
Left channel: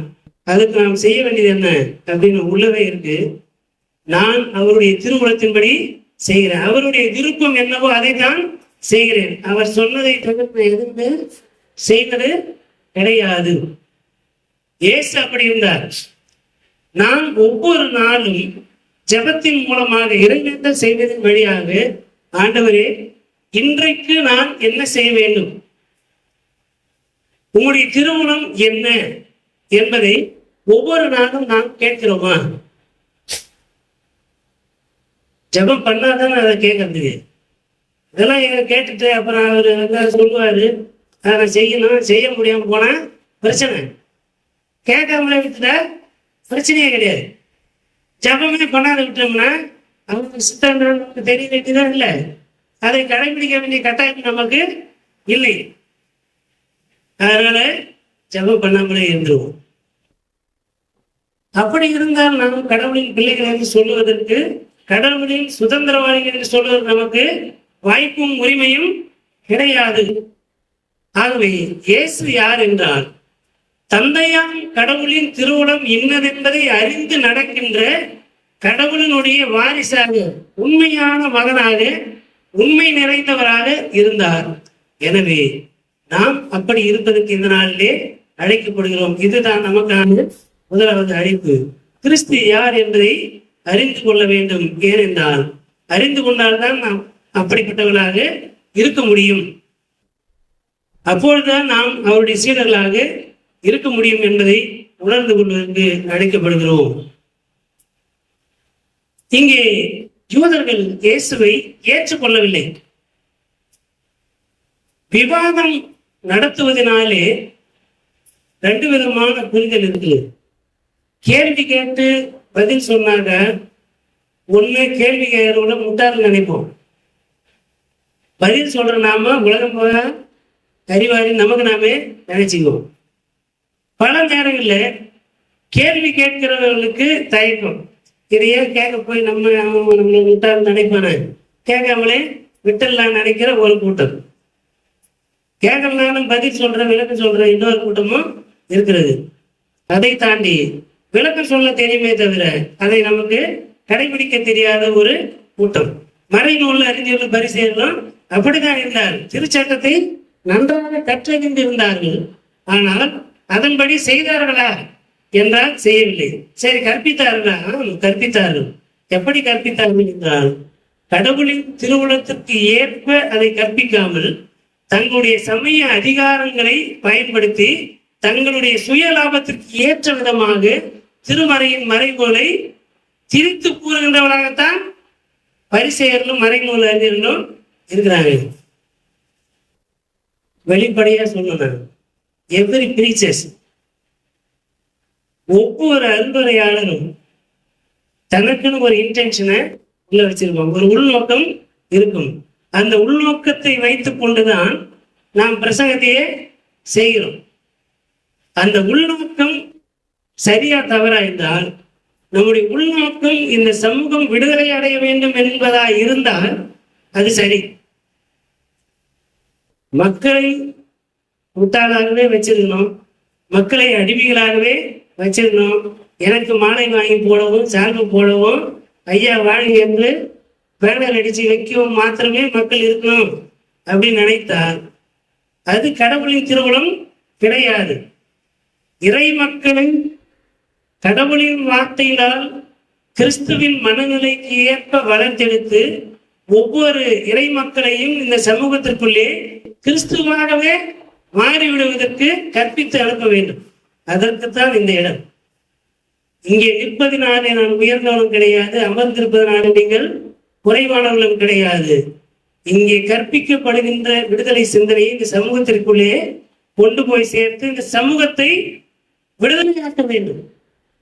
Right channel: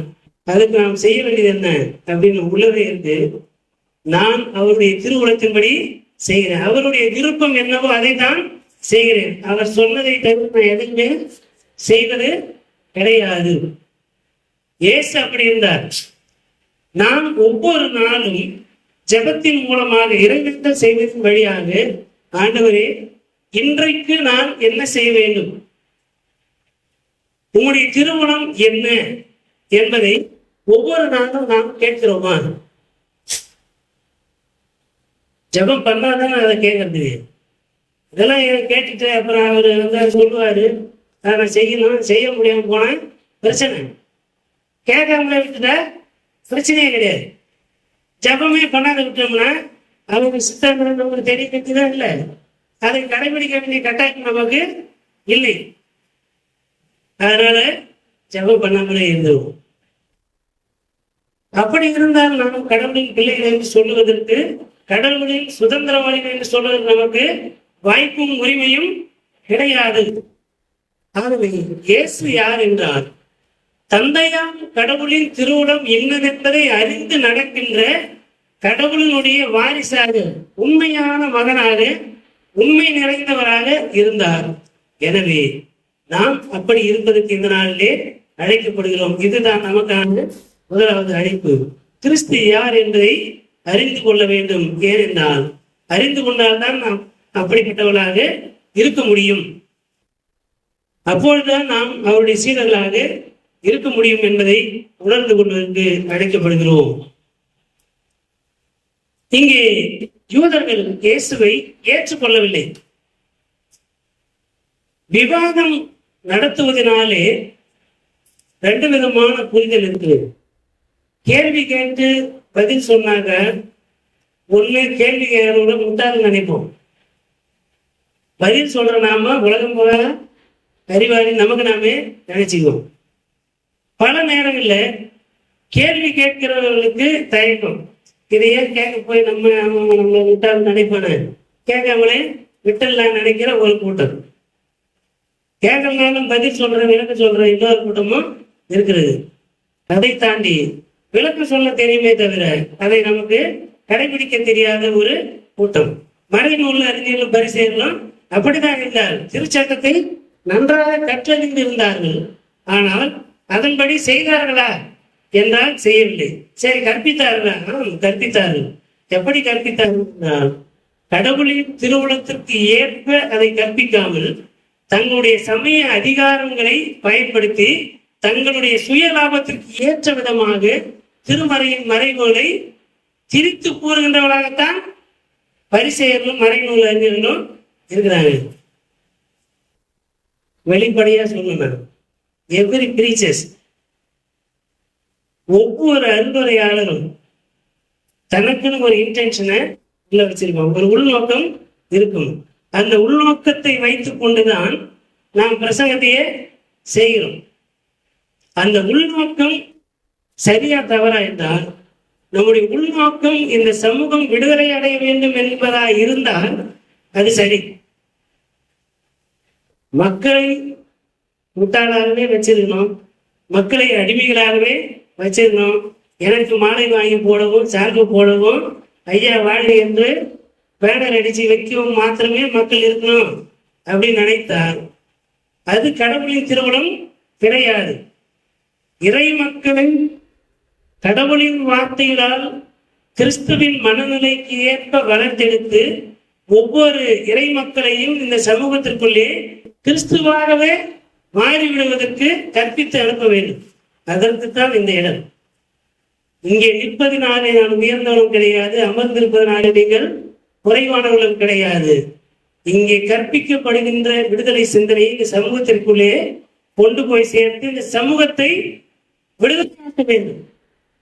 அதுக்கு நாம் செய்ய வேண்டியது என்ன அப்படின்னு உள்ளவே இருக்கு. நான் அவருடைய திருவுளத்தின்படி செய்கிறேன், அவருடைய விருப்பம் என்னவோ அதை தான் செய்கிறேன், அவர் சொன்னதை தவிர எதுவுமே செய்வது கிடையாது. இயேசு அப்படி இருந்தார். நான் ஒவ்வொரு நாளும் ஜெபத்தின் மூலமாக இறைவேண்டல் செய்வதன் வழியாக, ஆண்டவரே இன்றைக்கு நான் என்ன செய்ய வேண்டும், உங்களுடைய திருமணம் என்ன என்பதை ஒவ்வொரு நாளும் நாம் கேட்கிறோமா? ஜெபம் பண்ணாதானே அதை கேட்கறது. இதெல்லாம் கேட்டுட்டு அப்புறம் அவர் வந்து சொல்லுவாரு, அதை செய்யணும், செய்ய முடியாம போனா பிரச்சனை, கேட்காமலே விட்டுட்டா பிரச்சனையே கிடையாது. ஜபமே பண்ணாத விட்டோம்னா அவங்க சித்தம் நமக்கு தெரிய வேண்டியதான் இல்லை, அதை கடைபிடிக்க வேண்டிய கட்டாயம் நமக்கு இல்லை. அதனால ஜபம் பண்ணாமலே இருந்துருவோம். அப்படி இருந்தால் நாம் கடவுளின் பிள்ளைகள் என்று சொல்லுவதற்கு, கடவுளின் சுதந்திரவாதிகள் என்று சொல்வதற்கு நமக்கு வாய்ப்பும் உரிமையும் கிடையாது. ஆகவே இயேசு யார் என்றால், தந்தையாம் கடவுளின் திருவுளம் என்னதென்பதை அறிந்து நடக்கின்ற கடவுளினுடைய வாரிசாக, உண்மையான மகனாக, உண்மை நிறைந்தவராக இருந்தார். எனவே நாம் அப்படி இருப்பதற்கு இந்த நாளிலே அழைக்கப்படுகிறோம். இதுதான் நமக்கான முதலாவது அழைப்பு. கிறிஸ்து யார் என்பதை அறிந்து கொள்ள வேண்டும். ஏனென்றால் அறிந்து கொண்டால்தான் நாம் அப்படிப்பட்டவர்களாக இருக்க முடியும். அப்பொழுதுதான் நாம் அவருடைய சீடர்களாக இருக்க முடியும் என்பதை உணர்ந்து கொள்வதற்கு அழைக்கப்படுகிறோம். இங்கே யூதர்கள் இயேசுவை ஏற்றுக்கொள்ளவில்லை. விவாதம் நடத்துவதனாலே ரெண்டு விதமான புரிதல் இருக்கு. கேள்வி கேட்டு பதில் சொன்னாங்க, ஒண்ணு கேள்வி கேட்கிறோட முட்டாள் நினைப்போம், பதில் சொல்ற நாம உலகம் போல அறிவாளி நமக்கு நாமே நினைச்சுக்குவோம். பல நேரங்களில் கேள்வி கேட்கிறவர்களுக்கு தயக்கம், இதையே கேட்க போய் நம்மளை விட்டால் நினைப்பான, கேட்காமலே விட்டலாம் நினைக்கிற ஒரு கூட்டம், கேட்கலாம் பதில் சொல்ற விளக்கம் சொல்ற இன்னொரு கூட்டமும் இருக்கிறது. அதை தாண்டி விளக்கம் சொல்ல தெரியுமே தவிர அதை நமக்கு கடைபிடிக்க தெரியாத ஒரு கூட்டம். மறைநூல் அறிஞர்கள் பரிசெயலும் அப்படித்தான் இருந்தார். திருச்சட்டத்தை நன்றாக கற்றறிந்து இருந்தார்கள், ஆனால் அதன்படி செய்தார்களா என்றால் செய்யவில்லை. சரி, கற்பித்தார்களா? கற்பித்தார்கள். எப்படி கற்பித்தார்கள் என்றால், கடவுளின் திருவுளத்திற்கு ஏற்ப அதை கற்பிக்காமல் தங்களுடைய சமய அதிகாரங்களை பயன்படுத்தி தங்களுடைய சுய லாபத்திற்கு ஏற்ற விதமாக திருமறையின் மறைநூலை திரித்து கூறுகின்றவர்களாகத்தான் பரிசேயர்களும் மறைநூல் அறிஞர்களும் இருக்கிறாங்க. வெளிப்படையா சொல்லணும், எவ்ரி பிரீச்சர்ஸ், ஒவ்வொரு அன்புரையாளரும் தனக்குன்னு ஒரு இன்டென்ஷனை உள்ள வச்சிருப்பாங்க, ஒரு உள்நோக்கம் இருக்கும். அந்த உள்நோக்கத்தை வைத்துக் கொண்டுதான் நாம் பிரசங்கத்தையே செய்கிறோம். அந்த உள்நோக்கம் சரியா தவறா என்றால், நம்முடைய உள்நோக்கம் இந்த சமூகம் விடுதலை அடைய வேண்டும் என்பதா இருந்தால் அது சரி. மக்களை முட்டாளாகவே வச்சிருக்கணும், மக்களை அடிமைகளாகவே வச்சிருக்கணும், எனக்கு மாலை வாங்கி போடவும் சார்பு போடவும் ஐயா வாழ்க என்று பேனர் அடிச்சு வைக்கவும் மாத்திரமே மக்கள் இருக்கணும் அப்படின்னு நினைத்தால் அது கடவுளின் திருவுளம் கிடையாது. இறை மக்களை கடவுளின் வார்த்தைகளால் கிறிஸ்துவின் மனநிலைக்கு ஏற்ப வளர்த்தெடுத்து ஒவ்வொரு இறை மக்களையும் இந்த சமூகத்திற்குள்ளே கிறிஸ்துவாகவே மாறிவிடுவதற்கு கற்பித்து அனுப்ப வேண்டும். அதற்குத்தான் இந்த இடம். இங்கே நிற்பதினாலே நான் உயர்ந்தவனும் கிடையாது, அமர்ந்திருப்பதனாலே நீங்கள் குறைவானவர்களும் கிடையாது. இங்கே கற்பிக்கப்படுகின்ற விடுதலை சிந்தனையை இந்த சமூகத்திற்குள்ளே கொண்டு போய் சேர்த்து இந்த சமூகத்தை விடுதலையாக்க வேண்டும்.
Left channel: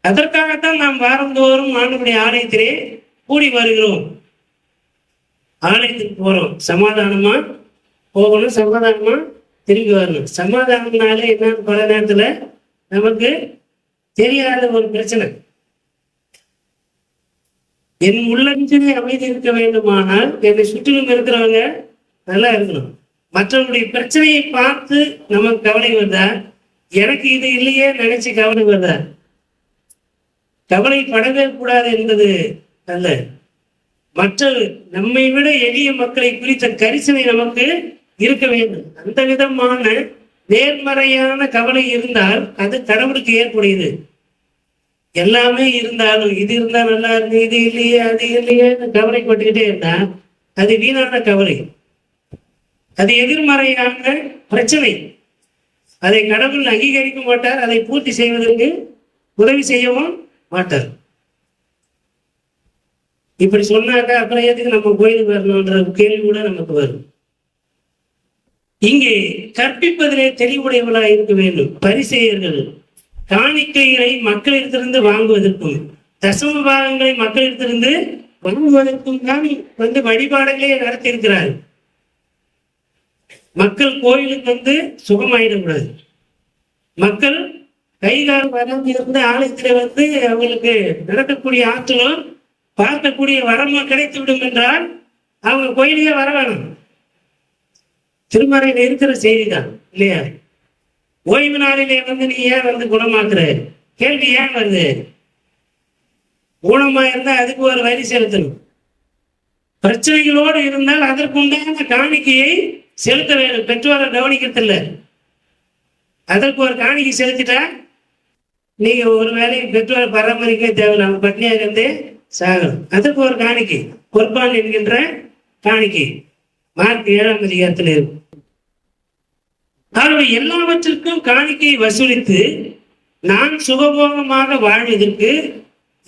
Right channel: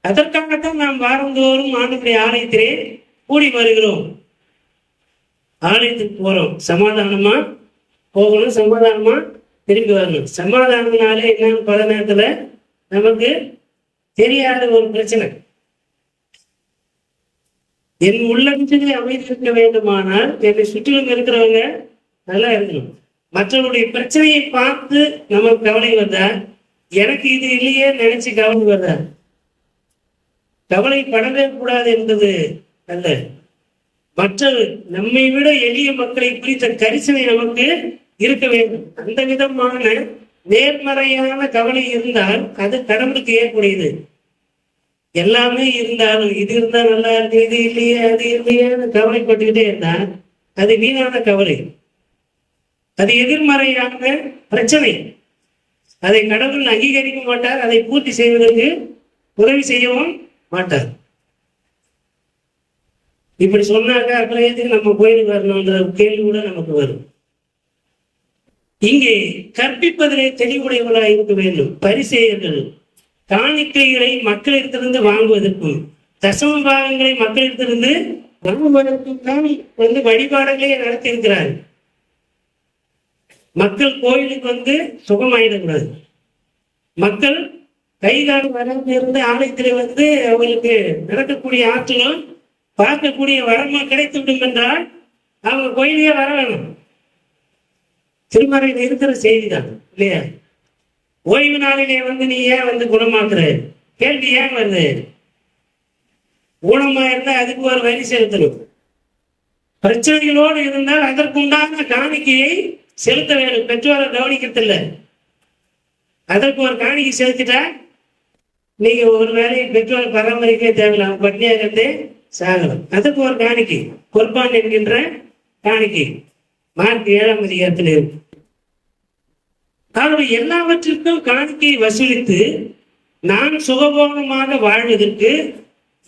அதற்காகத்தான் நாம் வாரந்தோறும் ஆண்டவருடைய ஆலயத்திலே கூடி வருகிறோம். ஆலயத்துக்கு போறோம், சமாதானமா போகணும், சமாதானமா திரும்பி வரணும். சமாதானம்னாலே என்னன்னு பல நேரத்துல நமக்கு தெரியாத ஒரு பிரச்சனை. என் உள்ளத்திலே அமைதி இருக்க வேண்டுமானால் என்னை சுற்றிலும் இருக்கிறவங்க நல்லா இருக்கணும். மற்றவருடைய பிரச்சனையை பார்த்து நமக்கு கவலை வருதா, எனக்கு இது இல்லையே நினைச்சு கவலை வருதா? கவலைப்படவே கூடாது என்பது அல்ல. மற்ற நம்மை விட எளிய மக்களை குறித்த கரிசனை நமக்கு இருக்க வேண்டும். அந்த விதமான நேர்மறையான கவலை இருந்தால் அது கடவுளுக்கு ஏற்புடையது. எல்லாமே இருந்தாலும் இது இருந்தா நல்லா இருக்கு, இது இல்லையே, அது இல்லையே கவலைப்பட்டுக்கிட்டே இருந்தா அது வீணான கவலை, அது எதிர்மறையான பிரச்சனை. அதை கடவுள் அங்கீகரிக்க மாட்டார், அதை பூர்த்தி செய்வதற்கு உதவி செய்யவும் மாட்டார். இப்படி சொன்னாக்க அப்புறம் எதுக்கு நம்ம கோயிலுக்கு வரணும்ன்ற கேள்வி கூட நமக்கு வரும். இங்கே கற்பிப்பதிலே தெளிவுடையவர்களாக இருக்க வேண்டும். பரிசேயர்கள் காணிக்கைகளை மக்களிடத்திலிருந்து வாங்குவதற்கும் தசம பாகங்களை மக்களிடத்திலிருந்து வாங்குவதற்கும் தான் வழிபாடுகளே நடத்தியிருக்கிறார்கள். மக்கள் கோயிலுக்கு சுகமாயிடக்கூடாது. மக்கள் கைகால் வரம்பு இருந்த ஆலயத்திலே அவங்களுக்கு நடக்கக்கூடிய ஆற்றலும் பார்க்கக்கூடிய வரமும் கிடைத்து விடும் என்றால் அவங்க கோயிலையே வர வேணும். திருமறையில் இருக்கிற செய்திதான் இல்லையா? ஓய்வு நாளிலே நீ ஏன் குணமாக்குற கேள்வி ஏன் வருது? ஊனமா இருந்தா அதுக்கு ஒரு வரி செலுத்தணும். பிரச்சனைகளோடு இருந்தால் அதற்குண்டான காணிக்கையை செலுத்த வேண்டும். பெற்றோரை கவனிக்கிறதில்ல, அதற்கு ஒரு காணிக்கை செலுத்திட்டா நீங்க ஒரு வேலையை பெற்றோரை பராமரிக்கவே தேவையில்லை, அவங்க பட்னியாக இருந்தே சாகணும். அதற்கு ஒரு காணிக்கை, பொறுப்பான் என்கின்ற காணிக்கை மார்க் 7ஆம் அதிகாரத்தில் இருக்கு. அவருடைய எல்லாவற்றிற்கும் காணிக்கை வசூலித்து நான் சுகபோகமாக வாழ்வதற்கு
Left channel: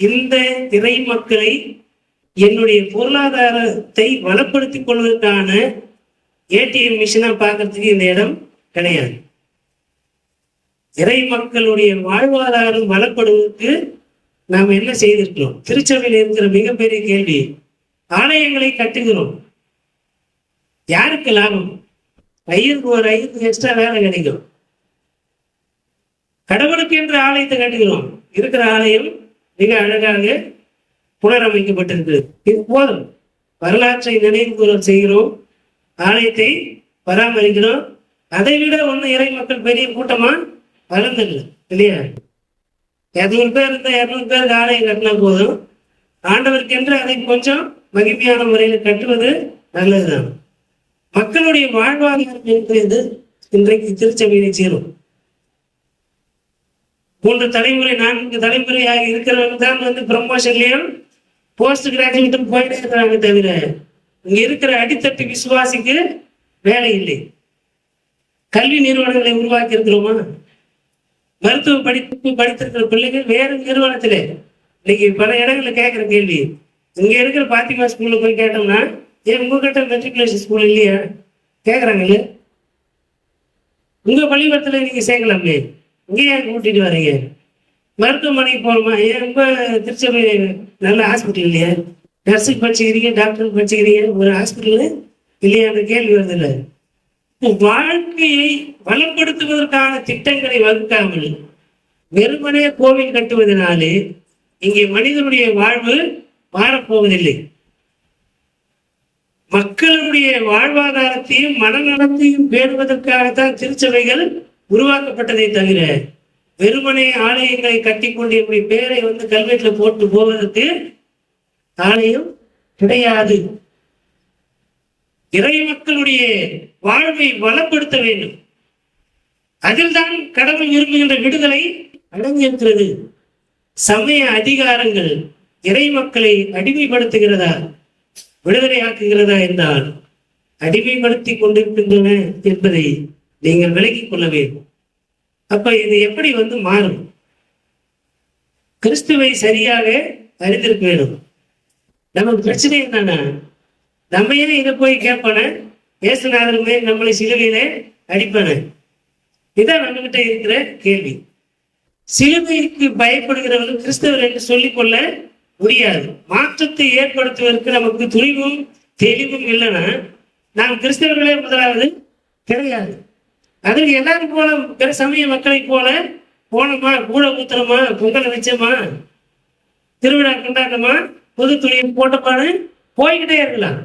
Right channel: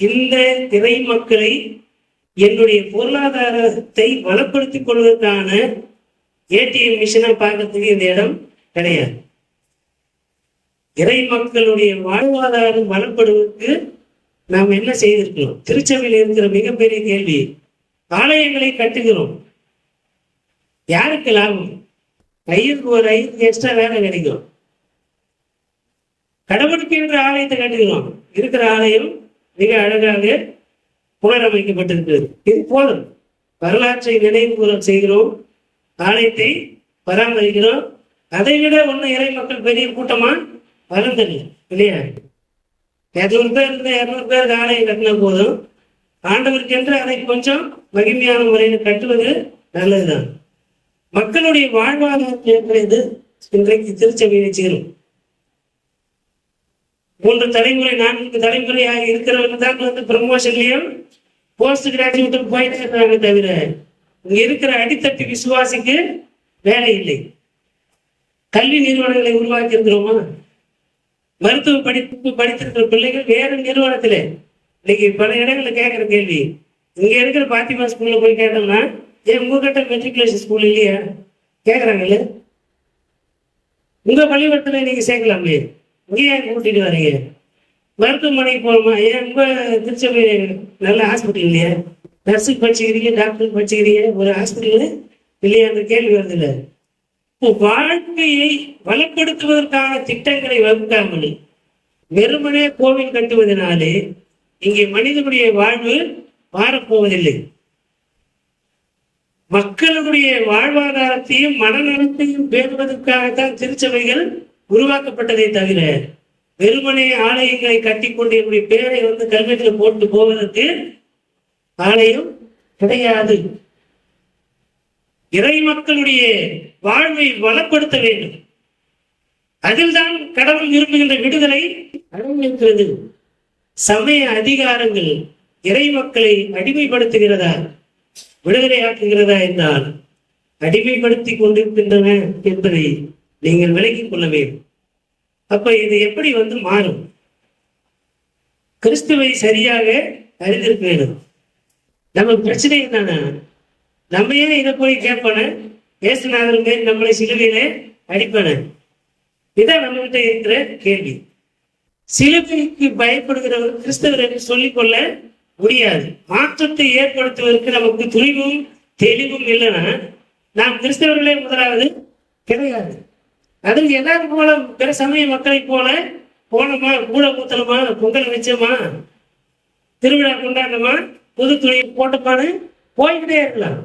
இந்த திரை மக்களை என்னுடைய பொருளாதாரத்தை வளப்படுத்திக் கொள்வதற்கான ஏடிஎம் மிஷினா பார்க்கறதுக்கு இந்த இடம் கிடையாது. இறை மக்களுடைய வாழ்வாதாரம் வளப்படுவதற்கு நாம் என்ன செய்திருக்கிறோம்? திருச்சபையில் இருக்கிற மிகப்பெரிய கேள்வி, ஆலயங்களை கட்டுகிறோம், யாருக்கு லாபம்? ஐயருக்கு ஒரு ஐயருக்கு எக்ஸ்ட்ரா வேலை கிடைக்கும். கடவுளுக்கு என்று ஆலயத்தை கட்டுகிறோம், இருக்கிற ஆலயம் மிக அழகாக புனரமைக்கப்பட்டிருக்கிறது. இது போதும். வரலாற்றை நினைவு செய்கிறோம், ஆலயத்தை பராமரிக்கிறோம். அதை விட இறை மக்கள் பெரிய கூட்டமா வளர்ந்ததில்லை இல்லையா? 200 பேர் இருந்தா 200 பேருக்கு ஆலயம் கட்டினா போதும். ஆண்டவருக்கு என்று அதை கொஞ்சம் மகிமையான முறையில் கட்டுவது நல்லதுதான். மக்களுடைய வாழ்வாதாரம் இருக்கிறது இன்றைக்கு திருச்சபையை சேரும். 3 தலைமுறை 4 தலைமுறையாக இருக்கிறவங்க தான் ப்ரமோஷன்லயும் போஸ்ட் கிராஜுவேட்டும் போயிட்டு இருக்கிறாங்க. தவிர இங்க இருக்கிற அடித்தட்டு விசுவாசிக்கு வேலை இல்லை. கல்வி நிறுவனங்களை உருவாக்கி இருக்கிறோமா? மருத்துவ படிப்பு படித்திருக்கிற பிள்ளைகள் வேற நிறுவனத்திலே இன்னைக்கு பல இடங்கள்ல கேட்கிற கேள்வி, இங்க இருக்கிற பாத்திமா ஸ்கூல்ல போய் கேட்டோம்னா, ஏன் உங்ககிட்ட மெட்ரிகுலேஷன் ஸ்கூல் இல்லையா கேட்கறாங்கல்ல. உங்க பள்ளிக்கூடத்துல நீங்க சேர்க்கலாமே, இங்கே ஏன் கூட்டிட்டு வரீங்க? மருத்துவமனைக்கு போகணுமா, ஏன் உங்க திருச்சபை நல்ல ஹாஸ்பிட்டல் இல்லையா? நர்ஸுக்கு படிச்சுக்கிறீங்க, டாக்டருக்கு படிச்சுக்கிறீங்க, ஒரு ஹாஸ்பிட்டல் இல்லையா? அந்த கேள்வி வருது இல்லை. வாழ்க்கையை வளப்படுத்துவதற்கான திட்டங்களை வகுக்காமல் வெறுமனே கோவில் கட்டுவதனாலே இங்கே மனிதனுடைய வாழ்வு மாறப்போவதில்லை. மக்களுடைய வாழ்வாதாரத்தையும் மனநலத்தையும் பேணுவதற்காகத்தான் திருச்சபைகள் உருவாக்கப்பட்டதை தவிர வெறுமனே ஆலயங்களை கட்டிக்கொண்டு இப்படி பேரை கல்வெட்டில் போட்டு போவதற்கு ஆலயம் கிடையாது. இறை மக்களுடைய வாழ்வை வளப்படுத்த வேண்டும். அதில் தான் கடவுள் விரும்புகின்ற விடுதலை அடங்கியிருக்கிறது. சமய அதிகாரங்கள் இறை மக்களை அடிமைப்படுத்துகிறதா, விடுதலையாக்குகிறதா என்றால் அடிமைப்படுத்தி கொண்டிருக்கின்றன என்பதை நீங்கள் விலகிக் கொள்ள வேண்டும். அப்ப இது எப்படி மாறும்? கிறிஸ்துவை சரியாக அறிந்திருக்க வேண்டும். நமக்கு பிரச்சனை என்னன்னா, நம்ம ஏன் இதை போய் கேட்பான, இயேசுநாதர் மேல் நம்மளை சிலுவையில அடிப்பான, இதான் நம்ம கிட்ட இருக்கிற கேள்வி. சிலுவைக்கு பயப்படுகிறவர்கள் கிறிஸ்தவர் என்று சொல்லிக் கொள்ள முடியாது. மாற்றத்தை ஏற்படுத்துவதற்கு நமக்கு துணிவும் தெளிவும் இல்லைன்னா நாம் கிறிஸ்தவர்களே முதலாவது கிடையாது. அதில் எல்லாரும் போல பிற சமய மக்களை போல போனோமா, கூட ஊத்தணுமா, பொங்கலை வச்சோமா, திருவிழா கொண்டாடணுமா, புது துணியை போட்டப்பாடு போய்கிட்டே இருக்கலாம்.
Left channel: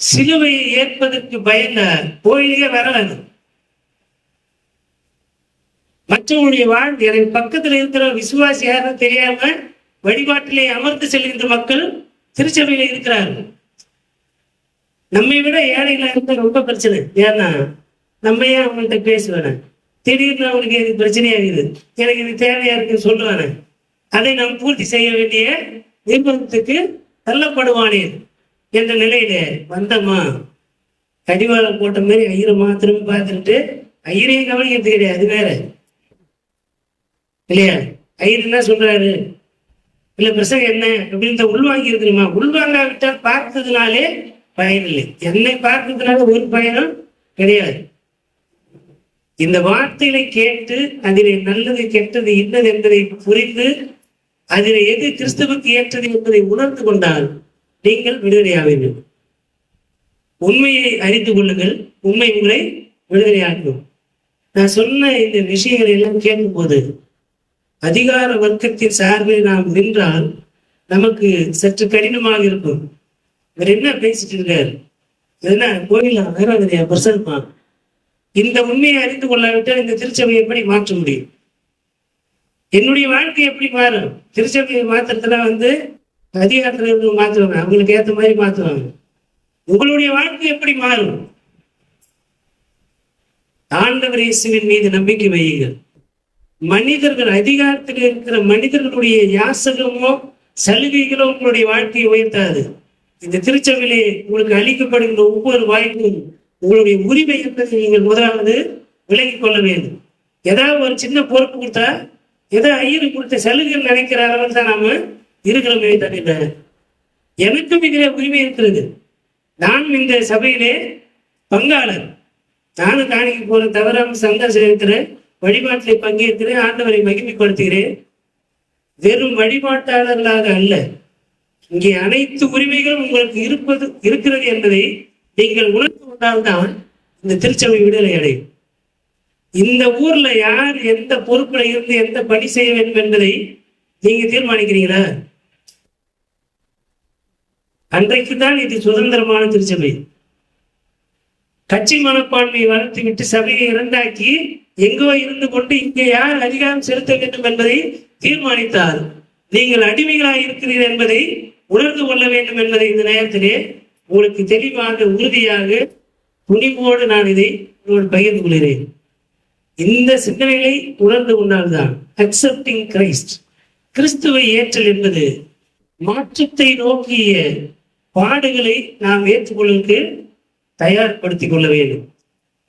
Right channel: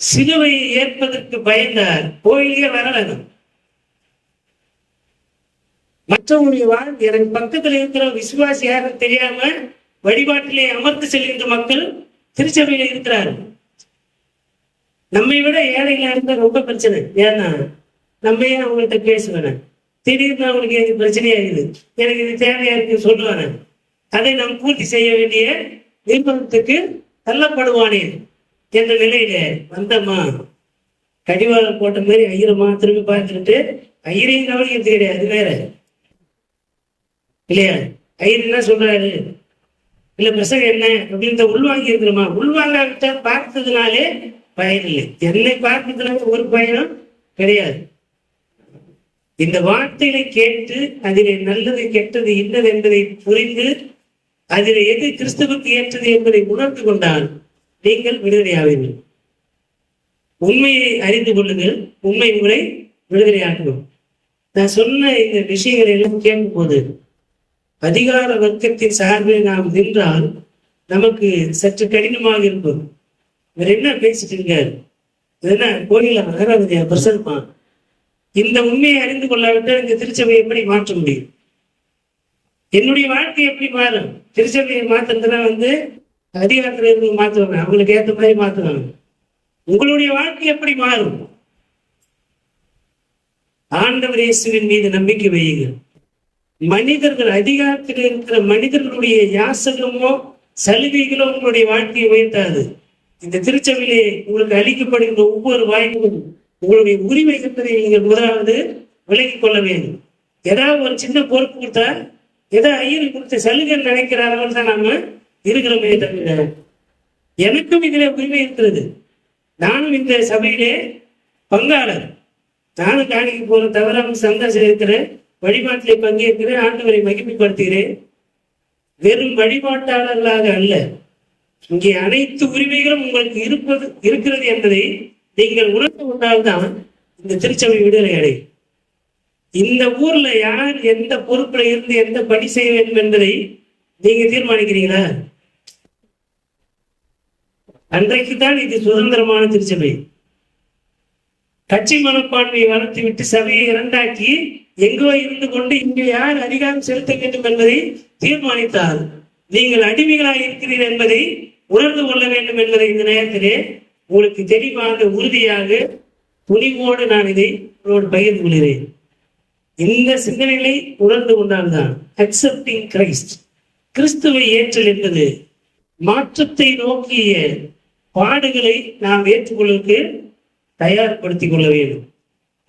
சிலுவையை ஏற்பதற்கு பயந்தார் கோயிலே வரலாம். மற்றவங்களுடைய வாழ்வு எனக்கு பக்கத்தில் இருக்கிற விசுவாசி யாரும் தெரியாம வழிபாட்டிலே அமர்ந்து செல்கின்ற மக்கள் திருச்சபையில இருக்கிறார்கள். நம்மை விட ஏழைகளா இருந்த ரொம்ப பிரச்சனை. ஏன்னா நம்ம ஏன் அவங்கள்ட்ட பேசுவேன, திடீர்னு அவங்களுக்கு எனக்கு பிரச்சனையாகுது, எனக்கு இது தேவையா இருக்குன்னு சொல்லுவானே, அதை நாம் பூர்த்தி செய்ய வேண்டிய நிர்பந்தத்துக்கு தள்ளப்படுவானே என்ற நிலையில வந்தம்மா, கடிவாளம் போட்ட மாதிரி ஐயரமா திரும்பி பார்த்துட்டு ஐயரையும் கவனிக்கிறது கிடையாது. அது வேற இல்லையா? ஐயர் என்ன சொல்றாரு, இல்ல பிரசங்கம் என்ன அப்படின்னு உள்வாங்கி இருக்கணுமா? உள்வாங்காவிட்டா பார்த்ததுனாலே பயன் இல்லை. என்னை பார்த்ததுனால ஒரு பயனும் கிடையாது. இந்த வார்த்தைகளை கேட்டு அதிலே நல்லது கெட்டது இன்னது என்பதை புரிந்து அதில் எது கிறிஸ்துவுக்கு ஏற்றது என்பதை உணர்ந்து கொண்டால் நீங்கள் விடுதலையாவீர்கள். உண்மையை அறிந்து கொள்ளுங்கள், உண்மை உங்களை விடுதலையாகும். நான் சொன்ன இந்த விஷயங்களை எல்லாம் கேட்கும் போது அதிகார வர்க்கத்தின் சார்பில் நாம் நின்றால் நமக்கு சற்று கடினமாக இருக்கும். இவர் என்ன பேசிட்டு இருக்காரு, என்ன கோயில ஆராதனையா பிரசன்மா? இந்த உண்மையை அறிந்து கொள்ளாவிட்டால் இந்த திருச்சபையை எப்படி மாற்ற முடியும்? என்னுடைய வாழ்க்கை எப்படி மாறும்? திருச்சபையை மாத்துறதுனா அதிகாரத்துல இருந்து மாத்துவாங்க, அவங்களுக்கு ஏற்ற மாதிரி மாத்துவாங்க. உங்களுடைய வாழ்க்கை எப்படி மாறும்? ஆண்டவர் இயேசுவின் மீது நம்பிக்கை வையுங்கள். மனிதர்கள், அதிகாரத்தில் இருக்கிற மனிதர்களுடைய யாசகமோ சலுகைகளோ உங்களுடைய வாழ்க்கையை உயர்த்தாது. இந்த திருச்சபையிலே உங்களுக்கு அளிக்கப்படுகின்ற ஒவ்வொரு வாய்ப்பும் உங்களுடைய உரிமை என்பதை நீங்கள் முதலாவது விலகிக் கொள்ள வேண்டும். ஏதாவது ஒரு சின்ன பொறுப்பு கொடுத்தா ஏதோ ஐயரு கொடுத்த சலுகை நினைக்கிறார்கள் தான் நாம இருக்கிறோமே தவிர எனக்கும் இதிலே உரிமை இருக்கிறது. நானும் இந்த சபையிலே பங்காளர். நானும் காணிக்கு போற தவறாம சந்தோஷம் இருக்கிறேன், வழிபாட்டிலே பங்கேற்கிறேன், ஆண்டவரை மகிமைப்படுத்துகிறேன். வெறும் வழிபாட்டாளர்களாக அல்ல, இங்கே அனைத்து உரிமைகளும் உங்களுக்கு இருக்கிறது என்பதை நீங்கள் உணர்ந்து கொண்டால்தான் இந்த திருச்சபை விடுதலை அடையும். இந்த ஊர்ல யார் எந்த பொறுப்புல இருந்து எந்த பணி செய்ய வேண்டும் என்பதை நீங்க தீர்மானிக்கிறீங்களா? அன்றைக்குதான் இது சுதந்திரமான திருச்சபை. கட்சி மனப்பான்மையை வளர்த்து விட்டு சபையை இரண்டாக்கி எங்கோ இருந்து கொண்டு இங்கே யார் அதிகாரம் செலுத்த வேண்டும் என்பதை தீர்மானித்தால் நீங்கள் அடிமைகளாக இருக்கிறீர்கள் என்பதை உணர்ந்து கொள்ள வேண்டும் என்பதை இந்த நேரத்திலே உங்களுக்கு தெளிவாக உறுதியாக துணிவோடு நான் இதை பகிர்ந்து கொள்கிறேன். இந்த சிந்தனைகளை உணர்ந்து கொண்டால்தான் அக்செப்டிங் கிரைஸ்ட், கிறிஸ்துவை ஏற்றல் என்பது மாற்றத்தை நோக்கிய பாடுகளை நாம் ஏற்றுக்கொள்வதற்கு தயார்படுத்திக் கொள்ள வேண்டும்.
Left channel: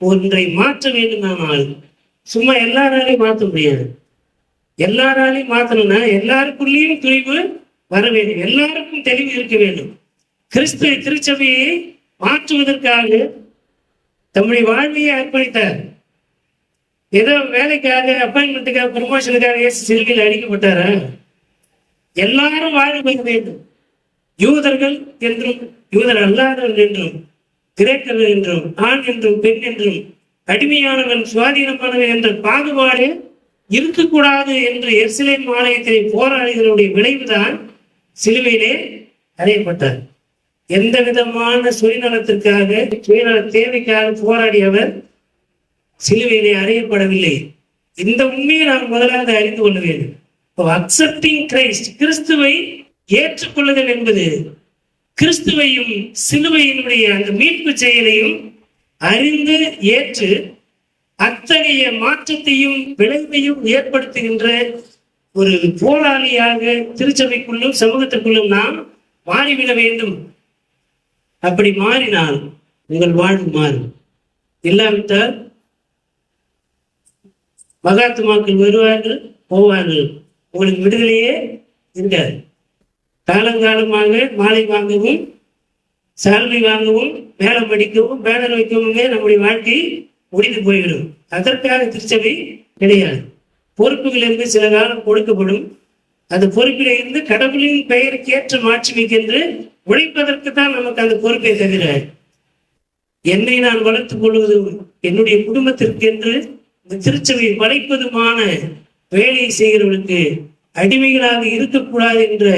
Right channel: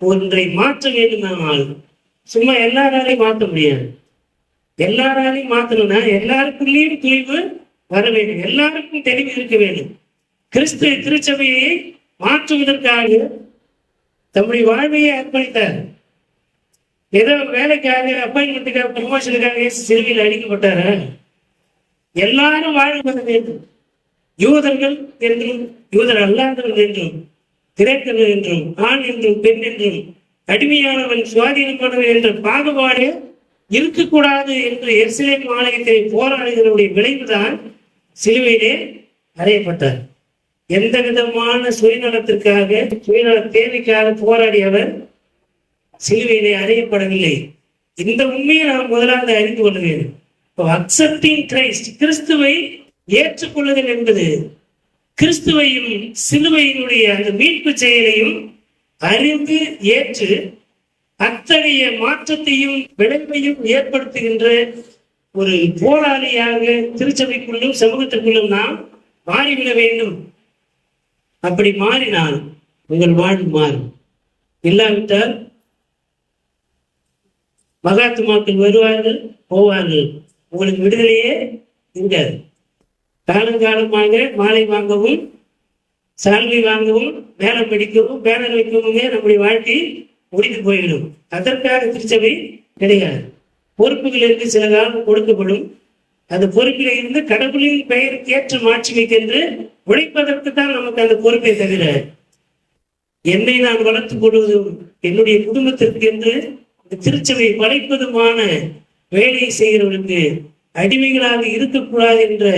ஒன்றை மாற்ற வேண்டுமானால் சும்மா எல்லாராலையும் மாற்ற முடியாது. எல்லாராலையும் மாற்றணும்னா எல்லாருக்குள்ளேயும் துணிவு வர வேண்டும், எல்லாருக்கும் தெளிவு இருக்க வேண்டும். கிறிஸ்து திருச்சபையை மாற்றுவதற்காக தம்முடைய வாழ்வையை அர்ப்பணித்தார். ஏதோ வேலைக்காக, அப்பாயின்மெண்ட்டுக்காக, ப்ரமோஷனுக்காக சிறுகையில் அடிக்கப்பட்டாரா? எல்லாரும் வாழ பெற வேண்டும். யூதர்கள் என்றும் யூதர் அல்லாதவர்கள் என்றும், கிரேக்கர்கள் என்றும், ஆண் என்றும் பெண் என்றும், அடிமையானவன் சுவாதீனமானவன் என்ற பாகுபாடு இருக்கக்கூடாது என்று எருசலேம் ஆலயத்தை போராளிகளுடைய விளைவுதான் சிலுவையிலே அறையப்பட்டார். எந்த விதமான சுயநலத்திற்காக, சுயநல தேவைக்காக போராடியவர் சிலுவையிலே அறையப்படவில்லை. இந்த உண்மையை நாம் முதலாவது அறிந்து கொள்ள வேண்டும். அக்செப்டிங் கிரைஸ்ட், கிறிஸ்துவை ஏற்றுக்கொள்ளுதல் என்பது கிறிஸ்துவையும் சிலுவையினுடைய அந்த மீட்பு செயலையும் அறிந்து ஏற்று அத்தகைய மாற்றத்தையும் விளைவையும் ஏற்படுத்துகின்ற ஒரு போராளியாக திருச்சபைக்குள்ளும் சமூகத்திற்குள்ளும் நாம் மாறிவிட வேண்டும். அப்படி மாறினால் உங்கள் வாழ்வு மாறும். இல்லாவிட்டால் மகாத்மாக்கள் வருவார்கள், போவார்கள், உங்களுக்கு விடுதலையே இருக்காது. காலங்காலமாக மாலை வாங்கவும், சால்வை வாங்கவும், வேலை படிக்கவும், பேனர் வைக்கவும் நம்முடைய வாழ்க்கை முடிந்து போய்விடும். அதற்காக திருச்சபை கிடையாது. பொறுப்புகள் இருந்து சில காலம் கொடுக்கப்படும். அந்த பொறுப்பில் இருந்து கடவுளின் பெயருக்கு ஏற்ற மாட்சிமைக்கென்று உழைப்பதற்கு தான் நமக்கு அந்த பொறுப்பை தவிர, என்னை நான் வளர்த்துக் கொள்வதும் என்னுடைய குடும்பத்திற்கு என்று இந்த திருச்சபை வளைப்பதுமான வேலையை செய்கிறவர்களுக்கு அடிமைகளாக இருக்கக்கூடாது என்ற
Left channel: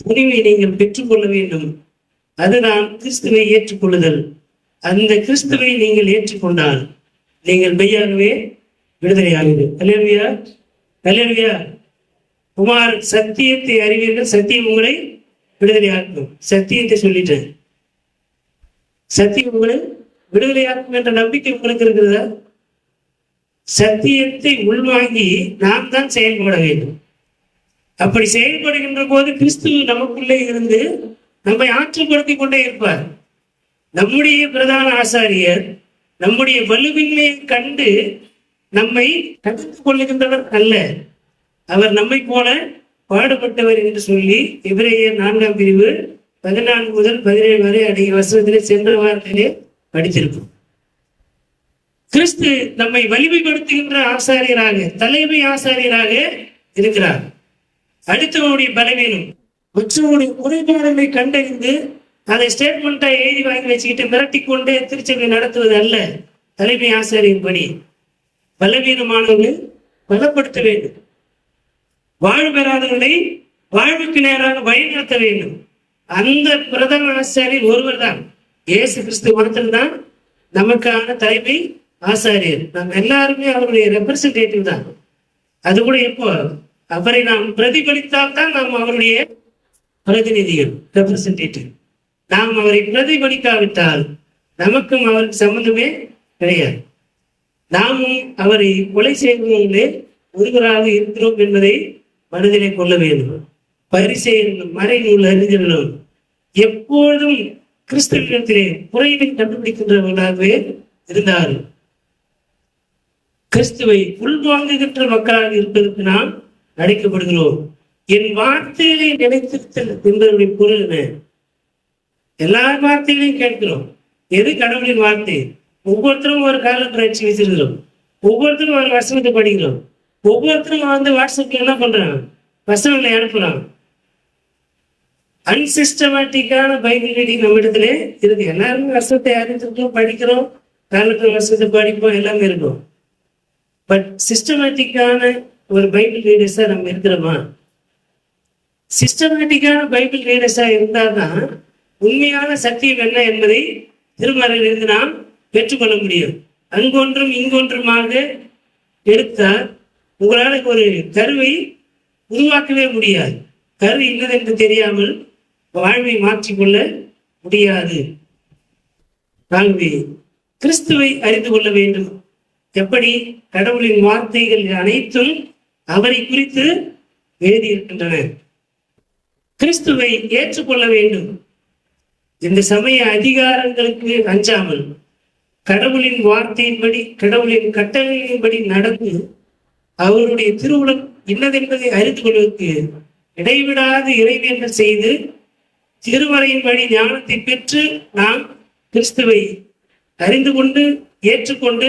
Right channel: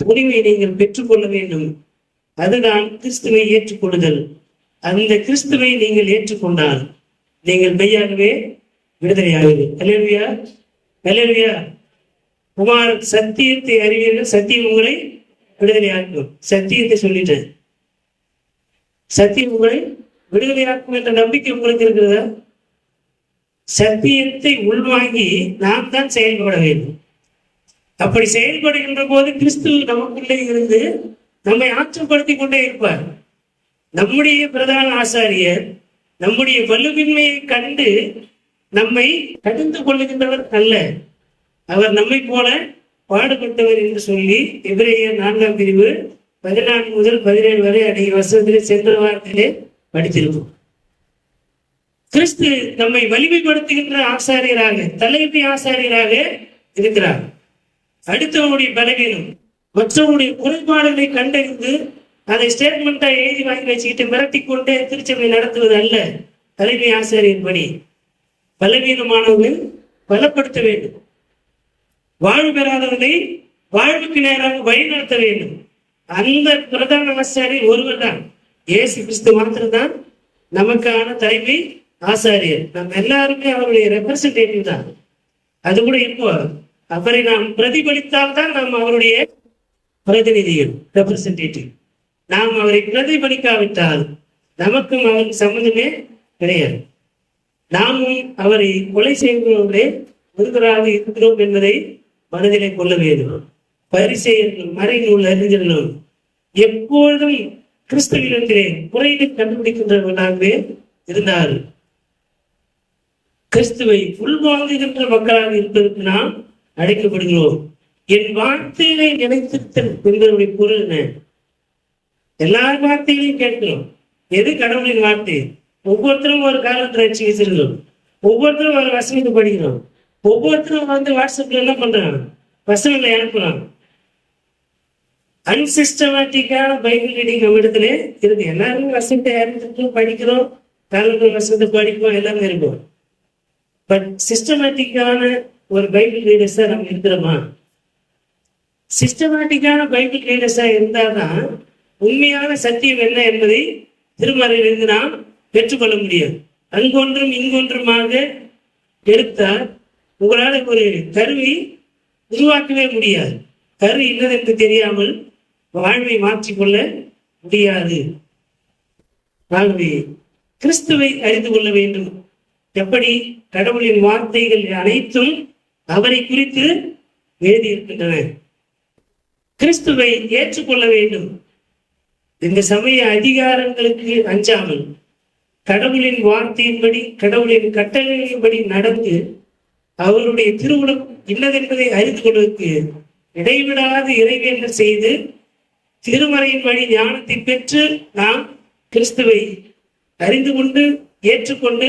துணிவை நீங்கள் பெற்றுக்கொள்ள வேண்டும். அதுதான் கிறிஸ்துவை ஏற்றுக்கொள்ளுதல். அந்த கிறிஸ்துவை நீங்கள் ஏற்றுக்கொண்டால் நீங்கள் மெய்யாகவே விடுதலையாகுது. அல்லேலூயா, அல்லேலூயா. குமார் சத்தியத்தை அறிவீர்கள், சத்தியம் உங்களை விடுதலையாக்கும். சத்தியத்தை சொல்லிட்டேன். சத்தியம் உங்களை விடுதலையாக்கும் என்ற நம்பிக்கை உங்களுக்கு இருக்கிறதா? சத்தியத்தை உள்வாங்கி நாம் தான் செயல்பட வேண்டும். அப்படி செயல்படுகின்ற போது கிறிஸ்து நமக்குள்ளே இருந்து நம்மை ஆற்றுப்படுத்திக் கொண்டே இருப்பார். நம்முடைய பிரதான ஆசாரியர் நம்முடைய வலுவின்மையை கண்டு நம்மை கடிந்து கொள்ளுகின்றவர் அல்ல, அவர் நம்மை போல பாடுபட்டவர் என்று சொல்லி எபிரேயர் 4ஆம் பிரிவு 14 முதல் 17 வரை அடைய வசனத்திலே சென்ற வாரத்திலே படித்திருக்கும். கிறிஸ்து நம்மை வலிமைப்படுத்துகின்ற ஆசாரியராக, தலைமை ஆசாரியராக இருக்கிறார். அடுத்தவனுடைய பலவீனம், மற்றவனுடைய குறைபாடுகளை கண்டறிந்து அதை ஸ்டேட்மெண்டா எழுதி வாங்கி வச்சுக்கிட்டு மிரட்டி கொண்டே திருச்சபை நடத்துவது அல்ல தலைமை ஆசாரியின் பணி. பலவீனமானவர்கள் பலப்படுத்த வேண்டும், வாழ்வு பெறாதவர்களை வாழ்வுக்கு நேராக வழிநடத்த வேண்டும். அந்த பிரதான ஆசாரியர் ஒருவர் தான், இயேசு கிறிஸ்து மாத்திரம்தான் நமக்கான தலைமை ஆசாரியர். நாம் எல்லாருமே அவருடைய ரெப்ரசன்டேட்டிவ் தான். அது கூட எப்போ அவரை நாம் பிரதிபலித்தால் தான் நாம் அவருடைய பிரதிநிதிகள், ரெப்ரசன்டேட்டிவ். நாம் அவரை பிரதிபலிக்காவிட்டால் நமக்கும் அவருக்கு சம்பந்தமே கிடையாது. நாமும் அவரை கொலை செய்வதே ஒருவராக இருக்கிறோம் என்பதை மனதிலே கொள்ள வேண்டும். பரிசேயர்களும் மறைநூல் அறிஞர்களும் எப்பொழுதும் கிறிஸ்தவத்திலே குறைகளை கண்டுபிடிக்கின்றவர்களாகவே இருந்தார்கள். கிறிஸ்துவை உள்வாங்குகின்ற மக்களாக இருப்பதற்கு நாம் அழைக்கப்படுகிறோம். என் வார்த்தைகளை நினைத்திருத்தல் என்பதனுடைய பொருள் என்ன? எல்லா வார்த்தைகளையும் கேட்கிறோம். எது கடவுளின் வார்த்தை? ஒவ்வொருத்தரும் ஒரு காலத்திராட்சி வச்சிருக்கிறோம், ஒவ்வொருத்தரும் ஒரு வசனத்தை படிக்கிறோம், ஒவ்வொருத்தரும் வாட்ஸ்அப்ல என்ன பண்றாங்க, வசனங்களை அனுப்புறாங்க. அன்சிஸ்டமேட்டிக்கான பைபிள் ரீடிங் நம்ம இடத்துல இருக்கு. எல்லாருமே வசனத்தை அறிஞ்சிருக்கோம், படிக்கிறோம், காலத்தில் வசனத்தை படிப்போம், எல்லாமே இருக்கும். பட் சிஸ்டமேட்டிக்கான ஒரு பைபிள் ரீடர்ஸா நம்ம இருக்கிறோமா? சிஸ்டமேட்டிக்கான பைபிள் ரீடர்ஸா இருந்தால்தான் உண்மையான சத்தியம் என்ன என்பதை திருமறையிலிருந்து நாம் பெற்றுக்கொள்ள முடியும். அங்கொன்றும் இங்கொன்றுமாக எடுத்தால் உங்களால் ஒரு கருவை உருவாக்கவே முடியாது. கரு இல்லது என்று தெரியாமல் வாழ்வை மாற்றிக்கொள்ள முடியாது. ஆகவே கிறிஸ்துவை அறிந்து கொள்ள வேண்டும். எப்படி? கடவுளின் வார்த்தைகள் அனைத்தும் அவரை குறித்து எழுதி இருக்கின்றன. கிறிஸ்துவை ஏற்றுக்கொள்ள வேண்டும். இந்த சமய அதிகாரங்களுக்கு அஞ்சாமல், கடவுளின் வார்த்தையின்படி கடவுளின் கட்டளையின்படி நடந்து அவருடைய திருவுளம் இன்னதென்பதை அறிந்து கொள்வதற்கு இடைவிடாது இறைவேண்டல் செய்து திருமறையின் வழி ஞானத்தை பெற்று நாம் கிறிஸ்துவை அறிந்து கொண்டு ஏற்றுக்கொண்டு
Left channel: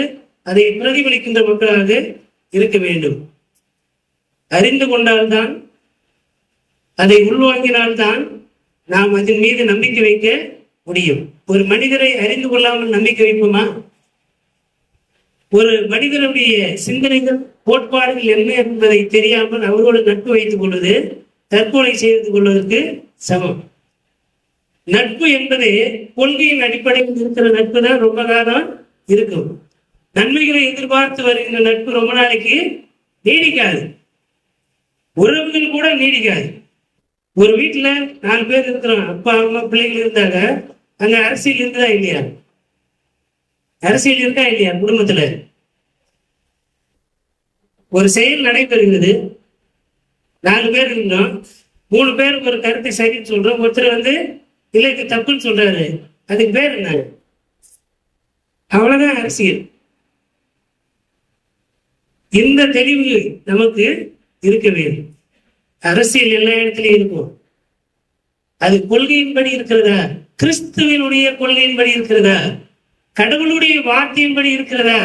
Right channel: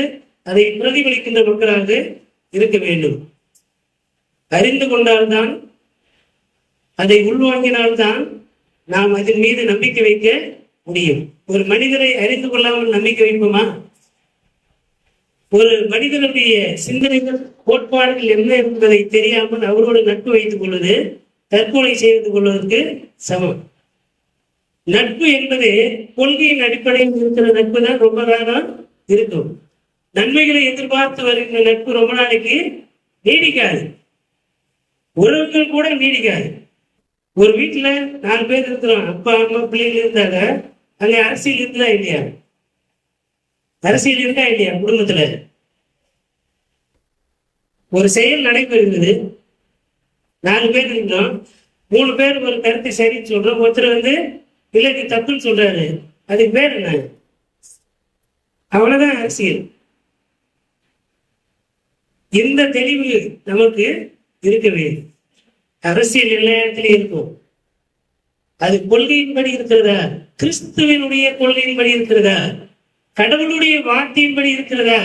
அதை பிரதிபலிக்கின்ற மக்களாக இருக்க வேண்டும். அறிந்து கொண்டால்தான், அதை உள்வாங்கினால்தான் நாம் அதன் மீது நம்பிக்கை வைக்க முடியும். ஒரு மனிதரை அறிந்து கொள்ளாமல் நம்பிக்கை வைப்போமா? ஒரு மனிதனுடைய சிந்தனைகள் கோட்பாடுகள் என்ன என்பதை தெரியாமல் அவரோடு நட்பு வைத்துக் கொள்வது தற்கொலை செய்து கொள்வதற்கு சமம். நட்பு என்பது கொள்கையின் அடிப்படையில் இருக்கிற நட்பு தான் ரொம்ப காலம் இருக்கும். நன்மைகளை எதிர்பார்த்து வருகின்ற நட்பு ரொம்ப நாளைக்கு நீடிக்காது. உறவுகள் கூட நீடிக்காது. ஒரு வீட்டுல 4 பேர் இருக்கிறோம், அப்பா அம்மா பிள்ளைகள் இருந்தாங்க, அங்க அரசியல் இருக்குதா இல்லையா? அரசியல் இருக்கா இல்லையா? குடும்பத்துல ஒரு செயல் நடைபெறுகிறது, 4 பேர் இருந்தோம், 3 பேர் ஒரு கருத்தை சரின்னு சொல்றோம், ஒருத்தர் இல்லைக்கு தப்புன்னு சொல்றாரு, அதுக்கு பேர் என்ன? அவ்வளவுதான் அரசியல். இந்த தெளிவு நமக்கு இருக்க வேண்டும். அரசியல் எல்லா இடத்துலயும் இருக்கும். அது கொள்கையின்படி இருக்கிறதா? கிறிஸ்துவனுடைய கொள்கையின்படி இருக்கிறதா? கடவுளுடைய வார்த்தையின்படி இருக்கிறதா?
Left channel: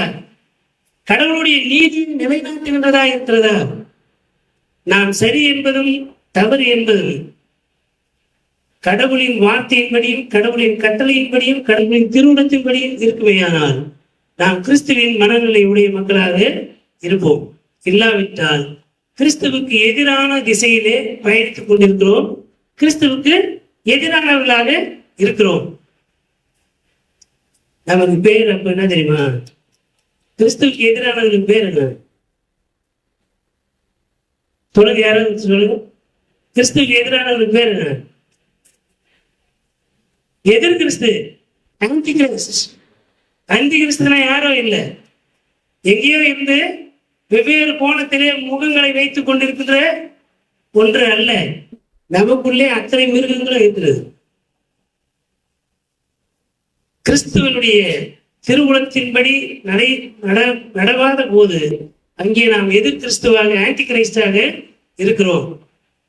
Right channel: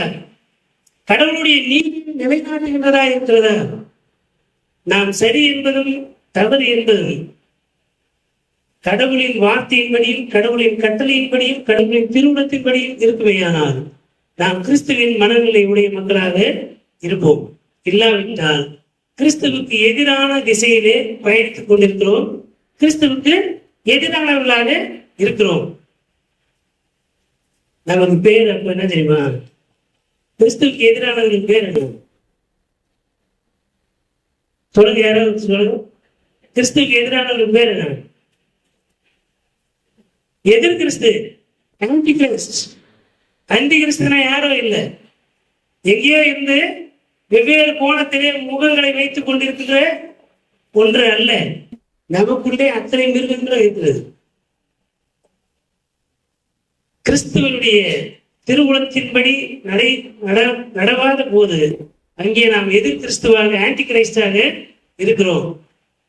கடவுளுடைய நீதியை நிலைநாட்டுகின்றதா இருக்கிறதா? நாம் சரி என்பதும் தவறு என்பதும் கடவுளின் வார்த்தையின்படியும் கடவுளின் கட்டளையின்படியும் கடவுளின் திருவுளத்தின்படியும் இருக்குமையானால் நாம் கிறிஸ்துவின் மனநிலை உடைய மக்களாக இருப்போம். இல்லாவிட்டால் கிறிஸ்துவுக்கு எதிரான திசையிலே பயணித்துக் கொண்டிருக்கிறோம், கிறிஸ்துவுக்கு எதிரானவர்களாக இருக்கிறோம். நமக்கு பேர் அப்ப என்ன தெரியுமா? கிறிஸ்துவுக்கு எதிரானவர்களுக்கு பேர் என்ன? சொல்லுங்க, யாராவது சொல்லுங்க. கிறிஸ்துவுக்கு எதிரானவர்களுக்கு பேர் என்ன? எதிர் கிறிஸ்து, அந்தி கிறிஸ்து. அந்தி கிறிஸ்துனா யாரோ இல்லை, எங்கேயோ இருந்து வெவ்வேறு கோணத்திலே முகங்களை வைத்துக் கொண்டிருக்கிற ஒன்று அல்ல. நமக்குள்ளே அத்தனை மிருகங்களும் இருக்கிறது. கிறிஸ்துவனுடைய திருவுளத்தின்படி நடவாத போது அங்கே நாம் எதிர் கிறிஸ்துவாக ஆன்டி கிரைஸ்டாக இருக்கிறோம்.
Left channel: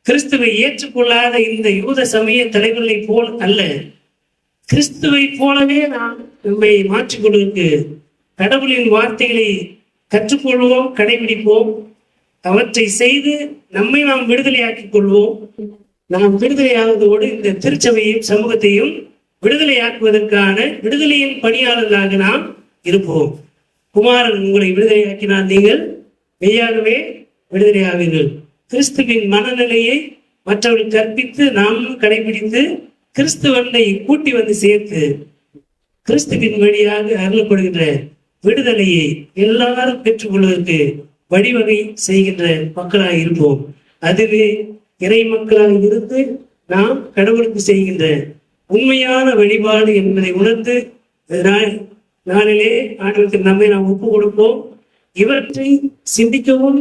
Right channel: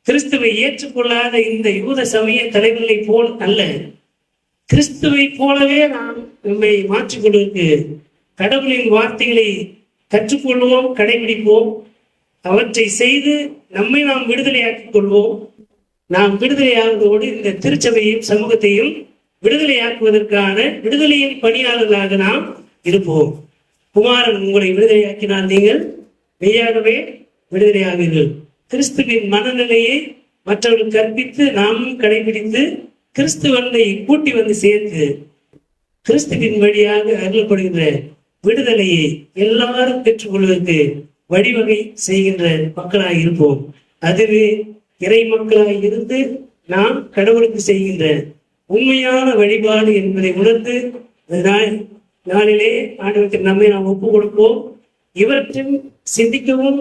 கிறிஸ்துவை ஏற்றுக்கொள்ளாத இந்த யூத சமய தலைவர்களை போல் அல்ல, கிறிஸ்துவை போலவே நாம் நம்மை மாற்றிக்கொள்வதற்கு கடவுளின் வார்த்தைகளை கற்றுக்கொள்வோம், கடைபிடிப்போம், அவற்றை செய்து நம்மை நாம் விடுதலையாக்கிக் கொள்வோம். நாம் விடுதலையாவதோடு இந்த திருச்சபையும் சமூகத்தையும் விடுதலையாக்குவதற்கான விடுதலையின் பணியாளர்களாக நாம் இருப்போம். குமாரன் உங்களை விடுதலையாக்கினால் நீங்கள் மெய்யாகவே விடுதலையாவீர்கள். கிறிஸ்துவின் மனநிலையை மற்றவர்கள் கற்பித்து நாமும் கடைபிடித்து கிறிஸ்துவனை கூட்டி வந்து சேர்த்து கிறிஸ்துவின் வழியாக அருளப்படுகின்ற விடுதலையை எல்லாரும் பெற்றுக்கொள்வதற்கு வழிவகை செய்கின்ற மக்களாக இருப்போம். அதுவே இறை மக்களாக இருந்து நாம் கடவுளுக்கு செய்கின்ற உண்மையான வழிபாடு என்பதை உணர்ந்து நாளிலே ஆண்டவருக்கு நம்மை நாம் ஒப்புக் கொடுப்போம். இவற்றை சிந்திக்கவும்,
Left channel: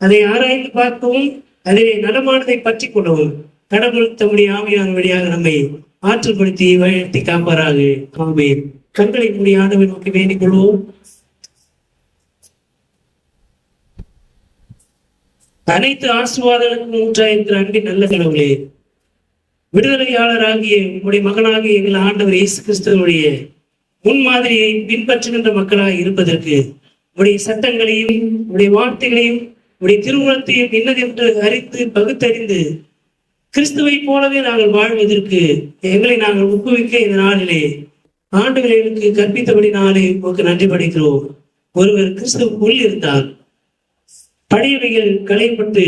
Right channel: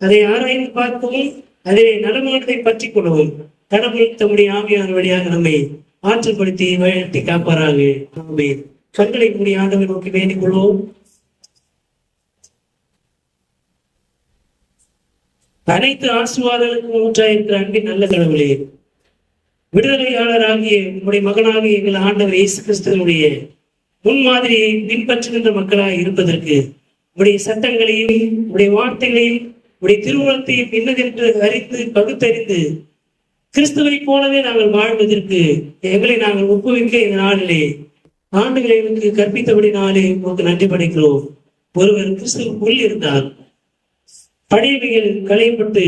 அதை ஆராய்ந்து பார்க்கவும், அதிலே நடமானதை பற்றி கொள்ளவும் கடவுள் தம்முடைய ஆவியான வழியாக நம்மை ஆற்றுப்படுத்தி வழிநடத்தி காப்பாராக. ஆமென். கண்களை மூடி ஆண்டவரை நோக்கி வேண்டிக் கொள்வோம். அனைத்து ஆசீர்வாதங்களுக்கும் ஊற்றாயிருக்கிற அன்பின் நல்ல கடவுளே, விடுதலையாளராகிய உங்களுடைய மகனாகிய எங்கள் ஆண்டவர் இயேசு கிறிஸ்துவனுடைய முன்மாதிரியை பின்பற்றுகின்ற மக்களாக இருப்பதற்கு உடைய சட்டங்களையும் உடைய வார்த்தைகளையும் உடைய திருவுளத்தையும் இன்னதென்று அறிந்து பகுத்தறிந்து கிறிஸ்துவை போலவே நாங்கள் வாழ்வதற்கு எங்களை நாங்கள் ஊக்குவிக்க இந்த நாளிலே ஆண்டுகளை எங்களுக்கு கற்பித்தபடி நாளே உங்களுக்கு நன்றி படைக்கிறோம். ஒருவர் கிறிஸ்துவுக்குள் இருந்தால் பழையவைகள் களையப்பட்டு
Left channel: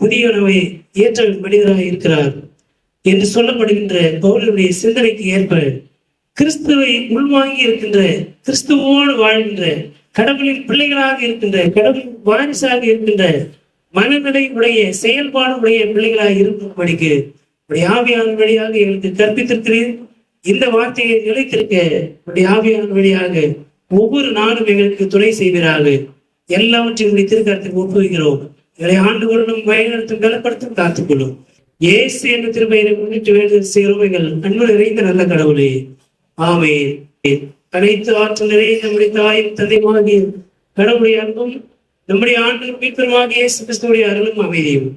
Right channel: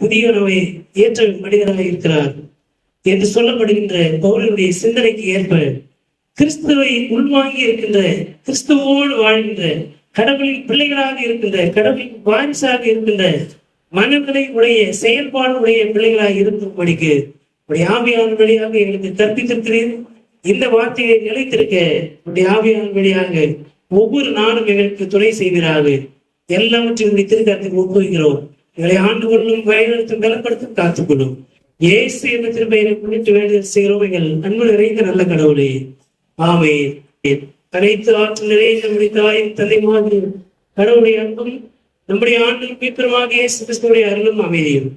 புதியனவை ஏற்ற மனிதராக இருக்கிறார் என்று சொல்லப்படுகின்ற பவுலுடைய சிந்தனைக்கு ஏற்ப கிறிஸ்துவை உள்வாங்கி இருக்கின்ற, கிறிஸ்துவோடு வாழ்கின்ற, கடவுளின் பிள்ளைகளாக இருக்கின்ற, கடவுளின் வாரிசாக இருக்கின்ற மனநிலை உடைய செயல்பாடு உடைய பிள்ளைகளாக இருக்கும்படிக்கு உடைய ஆவியான வழியாக எங்களுக்கு கற்பித்திருக்கிறேன். இந்த வார்த்தையை நிலைத்திருக்க உடைய ஆவியான வழியாக ஒவ்வொரு நாளும் எங்களுக்கு துணை செய்வீராக. எல்லாவற்றையும் திருக்கரத்தில் ஒப்புகிறோம். எங்களை ஆண்டு கொள்ளும், வழிநடத்தும், பலப்படுத்தும், காத்துக்கொள்ளும். இயேசு என்ற திருப்பெயரை முன்னிட்டு வேண்டிய செய்கிறோம் எங்கள் அன்பு நிறைந்த நல்ல கடவுளே. ஆமென். அனைத்து ஆற்றலே நம்முடைய தாய் தந்தைமாகிய கடவுளுடைய அன்பும் நம்முடைய ஆண்டில் மீட்பெருமாகிய இயேசு கிறிஸ்துவுடைய அருளும் அமைதியும்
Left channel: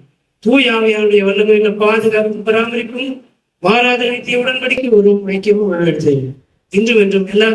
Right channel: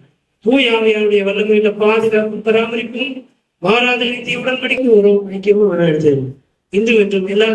தூய ஆவியாருடைய வல்லமையுள்ள பாதுகாப்பு பராமரிப்பும் மாறாத நித்திய உடன்படிக்கை ஒரு ஐக்கியமும் நடத்தது இன்றும் என்றும் எல்லா